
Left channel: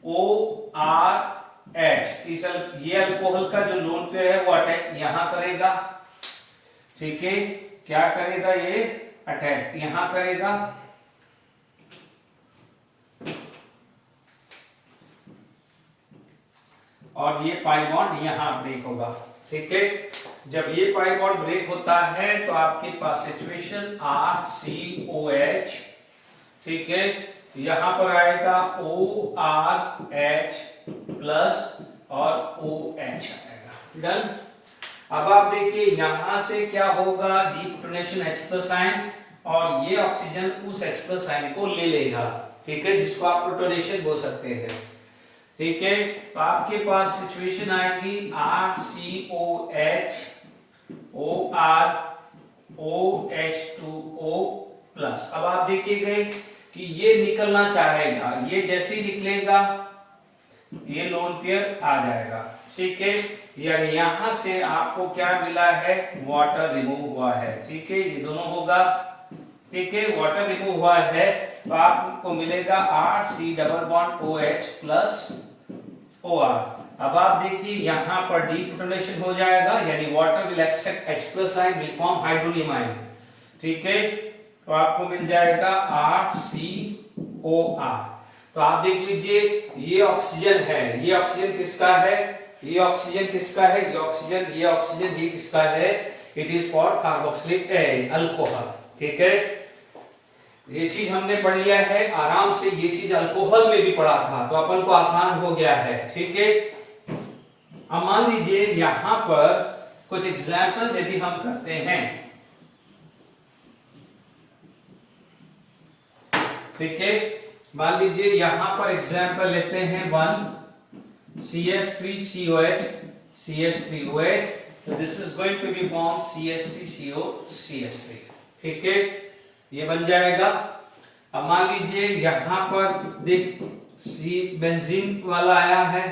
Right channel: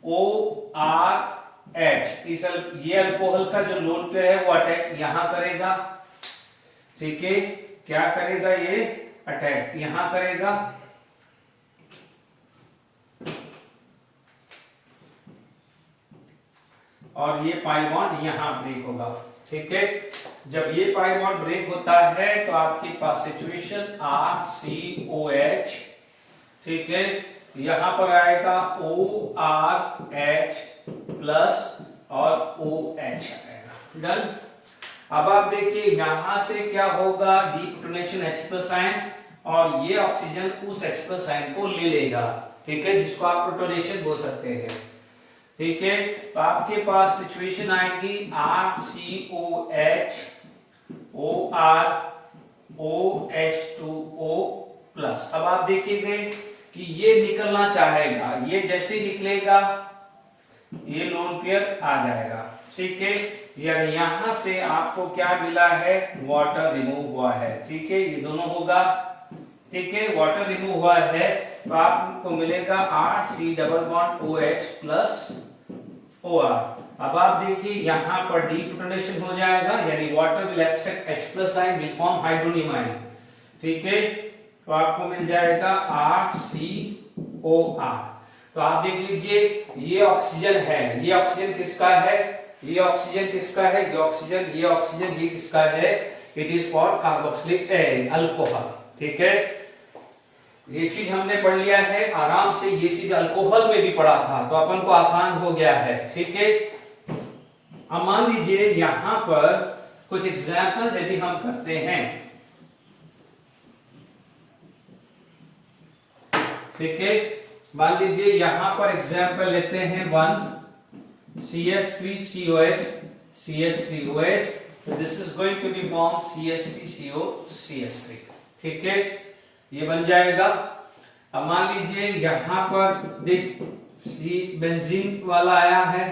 ORH, ये अल्कोहल का जो लोन पेयर है वो अटैक यहां करेगा। ठीक है, क्या करेगा, ये अटैक यहां करेगा, और ये पाई बॉन्ड यहां ब्रेक होगा। ठीक है, जब ये पाई बॉन्ड ब्रेक होता है तो आपके पास सिचुएशन RCOH, ठीक है, यहां पर आएगा ORH प्लस और OH आएगा। डन। अब आप देखिए यहां से क्या होगा, डीप्रोटोनेशन H+ आयन, और ये ऑक्सीजन उस H+ आयन को ले लेगा। ठीक है, जिसको आप प्रोटोनेशन बोल सकते हैं। ठीक है, तो आपके पास सिचुएशन आएगी RCOH OR OH2O प्लस। अब आप देखिएगा कि ये निकलना चाहेगा, ये जैसे ही निकलेगा ये लोन पेयर आ जाएगा। ठीक है, यानी यहां से आपको क्या मिला है, वाटर रिमूव हुआ है। ठीक है, ये दोनों होगा। ठीक है, वाटर रिमूव हुआ है तो आपको मिलेगा RC double bond OH plus OR। अब आप देखिए यहां पर डीप्रोटोनेशन हो जाएगा, यानी water will accept H+ ion, will form hydronium ion. ठीक है, तो आपको मिल जाएगा RCOR। तो आप देख लीजिए ये ऑक्सीजन है, ये ऑक्सीजन किसका है, ये ऑक्सीजन किसका है, ये ऑक्सीजन, ये ऑक्सीजन, ये किसका है, it is for carboxylic alcohol. ठीक है, ये चीज हमने पढ़ लिया है आराम से, ये चीज अल्कोहल में भी पढ़ा था तो अपन को आसान हो गया है। ठीक है, अब मान लीजिए यहां पर कुछ एग्जाम्पल यदि हम करते हैं। ठीक है, मान लीजिए यहां पर एग्जाम्पल लेते हैं 1 CH3COH CH3OH, तो this is going to be form CH3CO CH3। ठीक है, ये बन जाएगा। अब मान लीजिए यहां पर देख बेंजीन वाला आया है,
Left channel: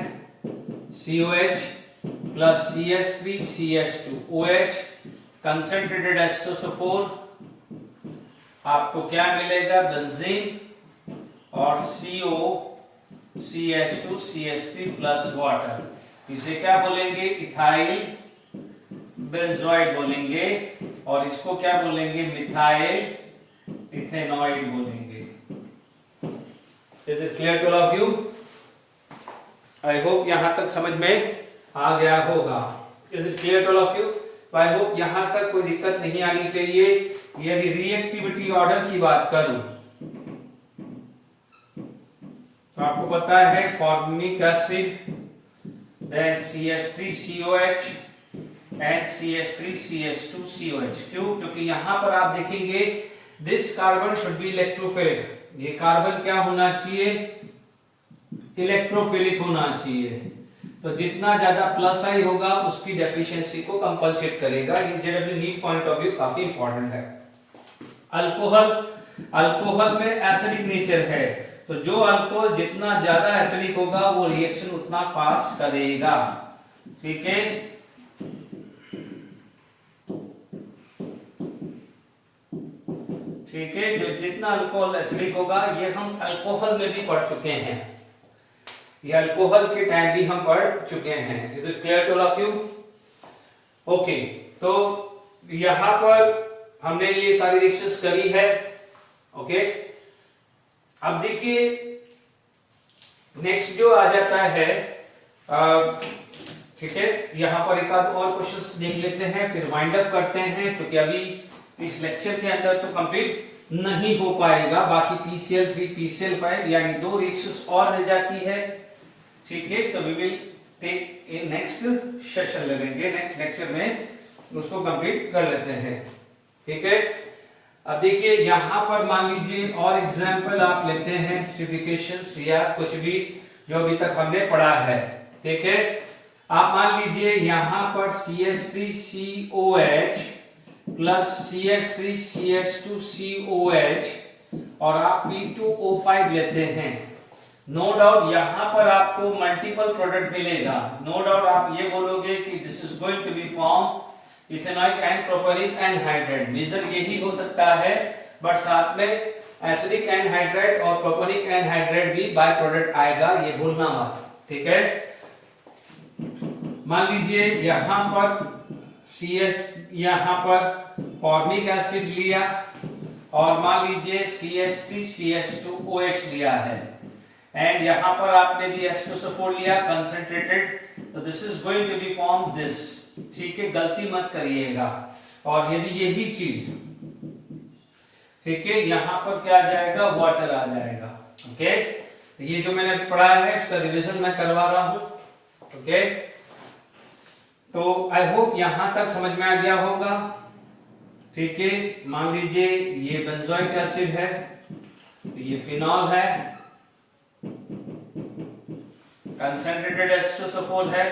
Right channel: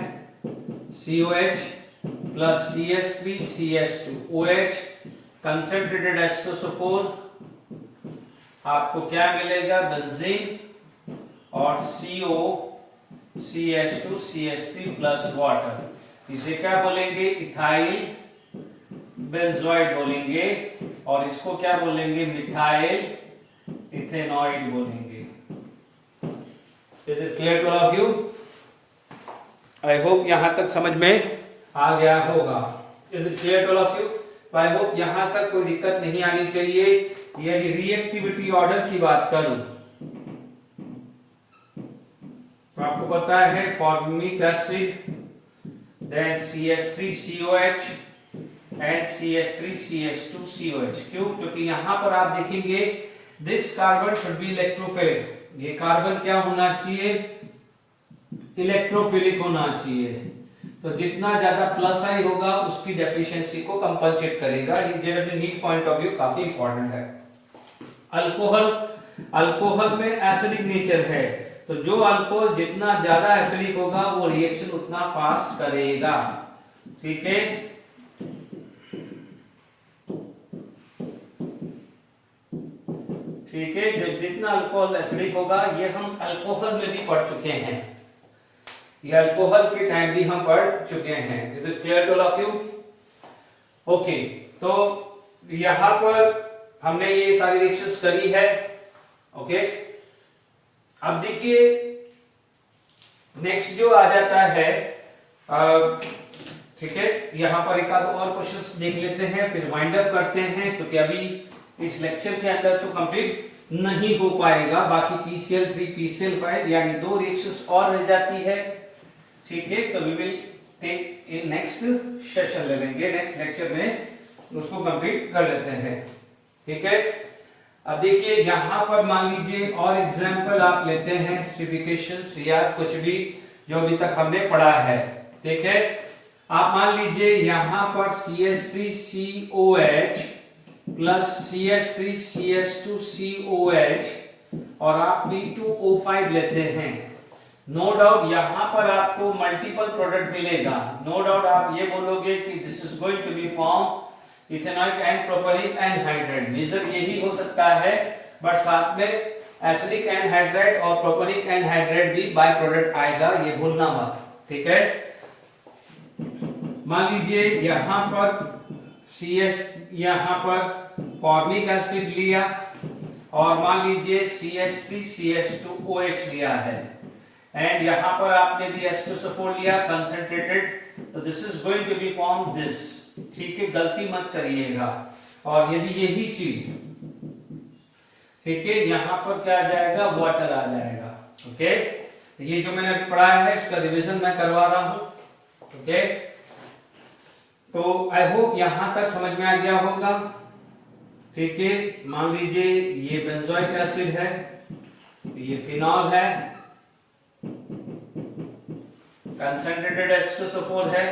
COH plus CH3 CH2OH concentrated H2SO4, आपको क्या मिलेगा, बेंजीन और CO CH2 CH3 plus water. इसे क्या बोलेंगे, इथाइल बेंजोइड बोलेंगे, और इसको क्या बोलेंगे, मिथाइल इथेनॉइड बोलेंगे। Is it clear to all of you? I hope यहां तक समझ में आ गया होगा। Is it clear to all of you? I hope यहां तक कोई दिक्कत नहीं आनी चाहिए। यदि रिएक्टिविटी ऑर्डर की बात करूं तो आपको पता है formic acid, then CH3COH and CH3CH2COH। क्यों? क्योंकि यहां पर आप देखेंगे this carbon should be electrophilic. ये कार्बन क्या होना चाहिए, इलेक्ट्रोफिलिक होना चाहिए। तो जितना ज्यादा प्लस आई होगा उसकी डेफिशिएंसी को कंपनसेट करेगा। ये generally need point of view काफी इंपॉर्टेंट है। अल्कोहल में एसिडिक नेचर है, तो तो जो अल्कोहल जितना ज्यादा एसिडिक होगा वो रिएक्शन उतना फास्ट करेगा। ठीक है, ठीक है, जो जितना अल्कोहल एसिडिक होगा, ये हम अल्कोहल में भी पढ़ चुके हैं, ये अल्कोहल के टाइम भी हम पढ़ चुके हैं। Is it clear to all of you? Okay, तो यहां पर हमने ये सारी रिएक्शंस करी है। ओके, अब देखिए नेक्स्ट जो आ जाता है, ठीक है, यहां पर एक आध और क्वेश्चंस देख लेते हैं, फिर वाइंड अप करते हैं, क्योंकि अभी इस लेक्चर के अंदर तो कंप्लीट नहीं हो पाएगा। बाकी PCl3 PCl5 यानी 2 रिएक्शंस और रह जाती है। ठीक है, तो we will take in next session, लगेंगे नेक्स्ट लेक्चर में उसको कंप्लीट कर लेते हैं। ठीक है, अब देखिए यहां पर मान लीजिए और एग्जांपल आप लेते हैं एसिडिफिकेशंस या कुछ भी जो अभी तक हमने पढ़ा है। ठीक है, आप मान लीजिए यहां पर CH3COH प्लस CH3CH2COH और आप P2O5 लेते हैं। नो डाउट यहां पर आपको मल्टीपल प्रोडक्ट मिलेगा। नो डाउट आप ये बोलोगे कि this is going to be form ethanoic and propanoic anhydride. Major यही हो सकता है, बट साथ में एसिडिक एनहाइड्राइड और प्रोपेनिक एनहाइड्राइड भी बाय प्रोडक्ट आएगा, ये भूलना मत। ठीक है, मान लीजिए यहां पर यहां पर फॉर्मिक एसिड लिया और मान लीजिए CH3CH2OH लिया है, एंड यहां पर आपने भी H2SO4 लिया कंसंट्रेटेड, तो this is going to be form this. ठीक है, गलती मत करिएगा। और यदि यही चीज, ठीक है, यहां पर क्या आ जाएगा, वाटर आ जाएगा। ओके, ये जो मैंने पढ़ा है इसका रिवीजन मैं करवा रहा हूं। ओके, तो आई होप यहां तक समझ में आ गया होगा। ठीक है, मान लीजिए ये बेंजोइक एसिड है, ये फिनॉल है, कंसंट्रेटेड H2SO4 है,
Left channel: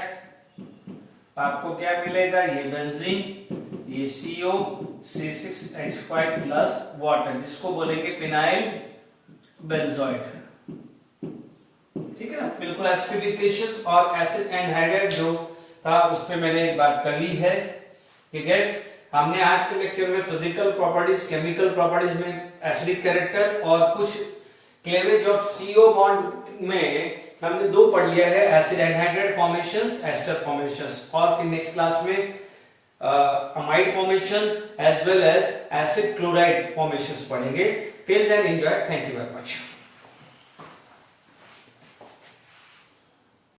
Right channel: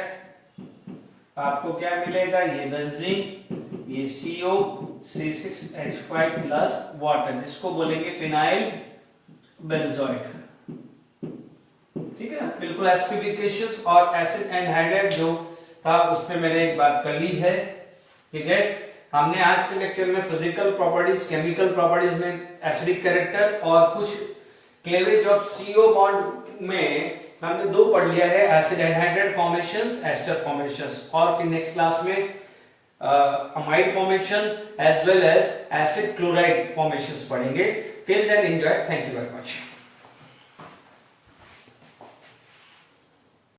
आपको क्या मिलेगा, ये बेंजीन, ये CO C6H5 प्लस वाटर, जिसको बोलेंगे फिनाइल बेंजोइट। ठीक है ना, बिल्कुल एसिडिफिकेशन और एसिड एनहाइड्राइड जो था उस पे मैंने एक बात कर ली है। ठीक है, हमने आज के लेक्चर में फिजिकल प्रॉपर्टीज, केमिकल प्रॉपर्टीज में एसिडिक कैरेक्टर और कुछ क्लेवेज ऑफ CO बॉन्ड में हमने 2 पढ़ लिया है, acid anhydride formations, ester formations, और फिर नेक्स्ट क्लास में amide formation as well as acid chloride formations पढ़ेंगे। Till then enjoy, thank you very much.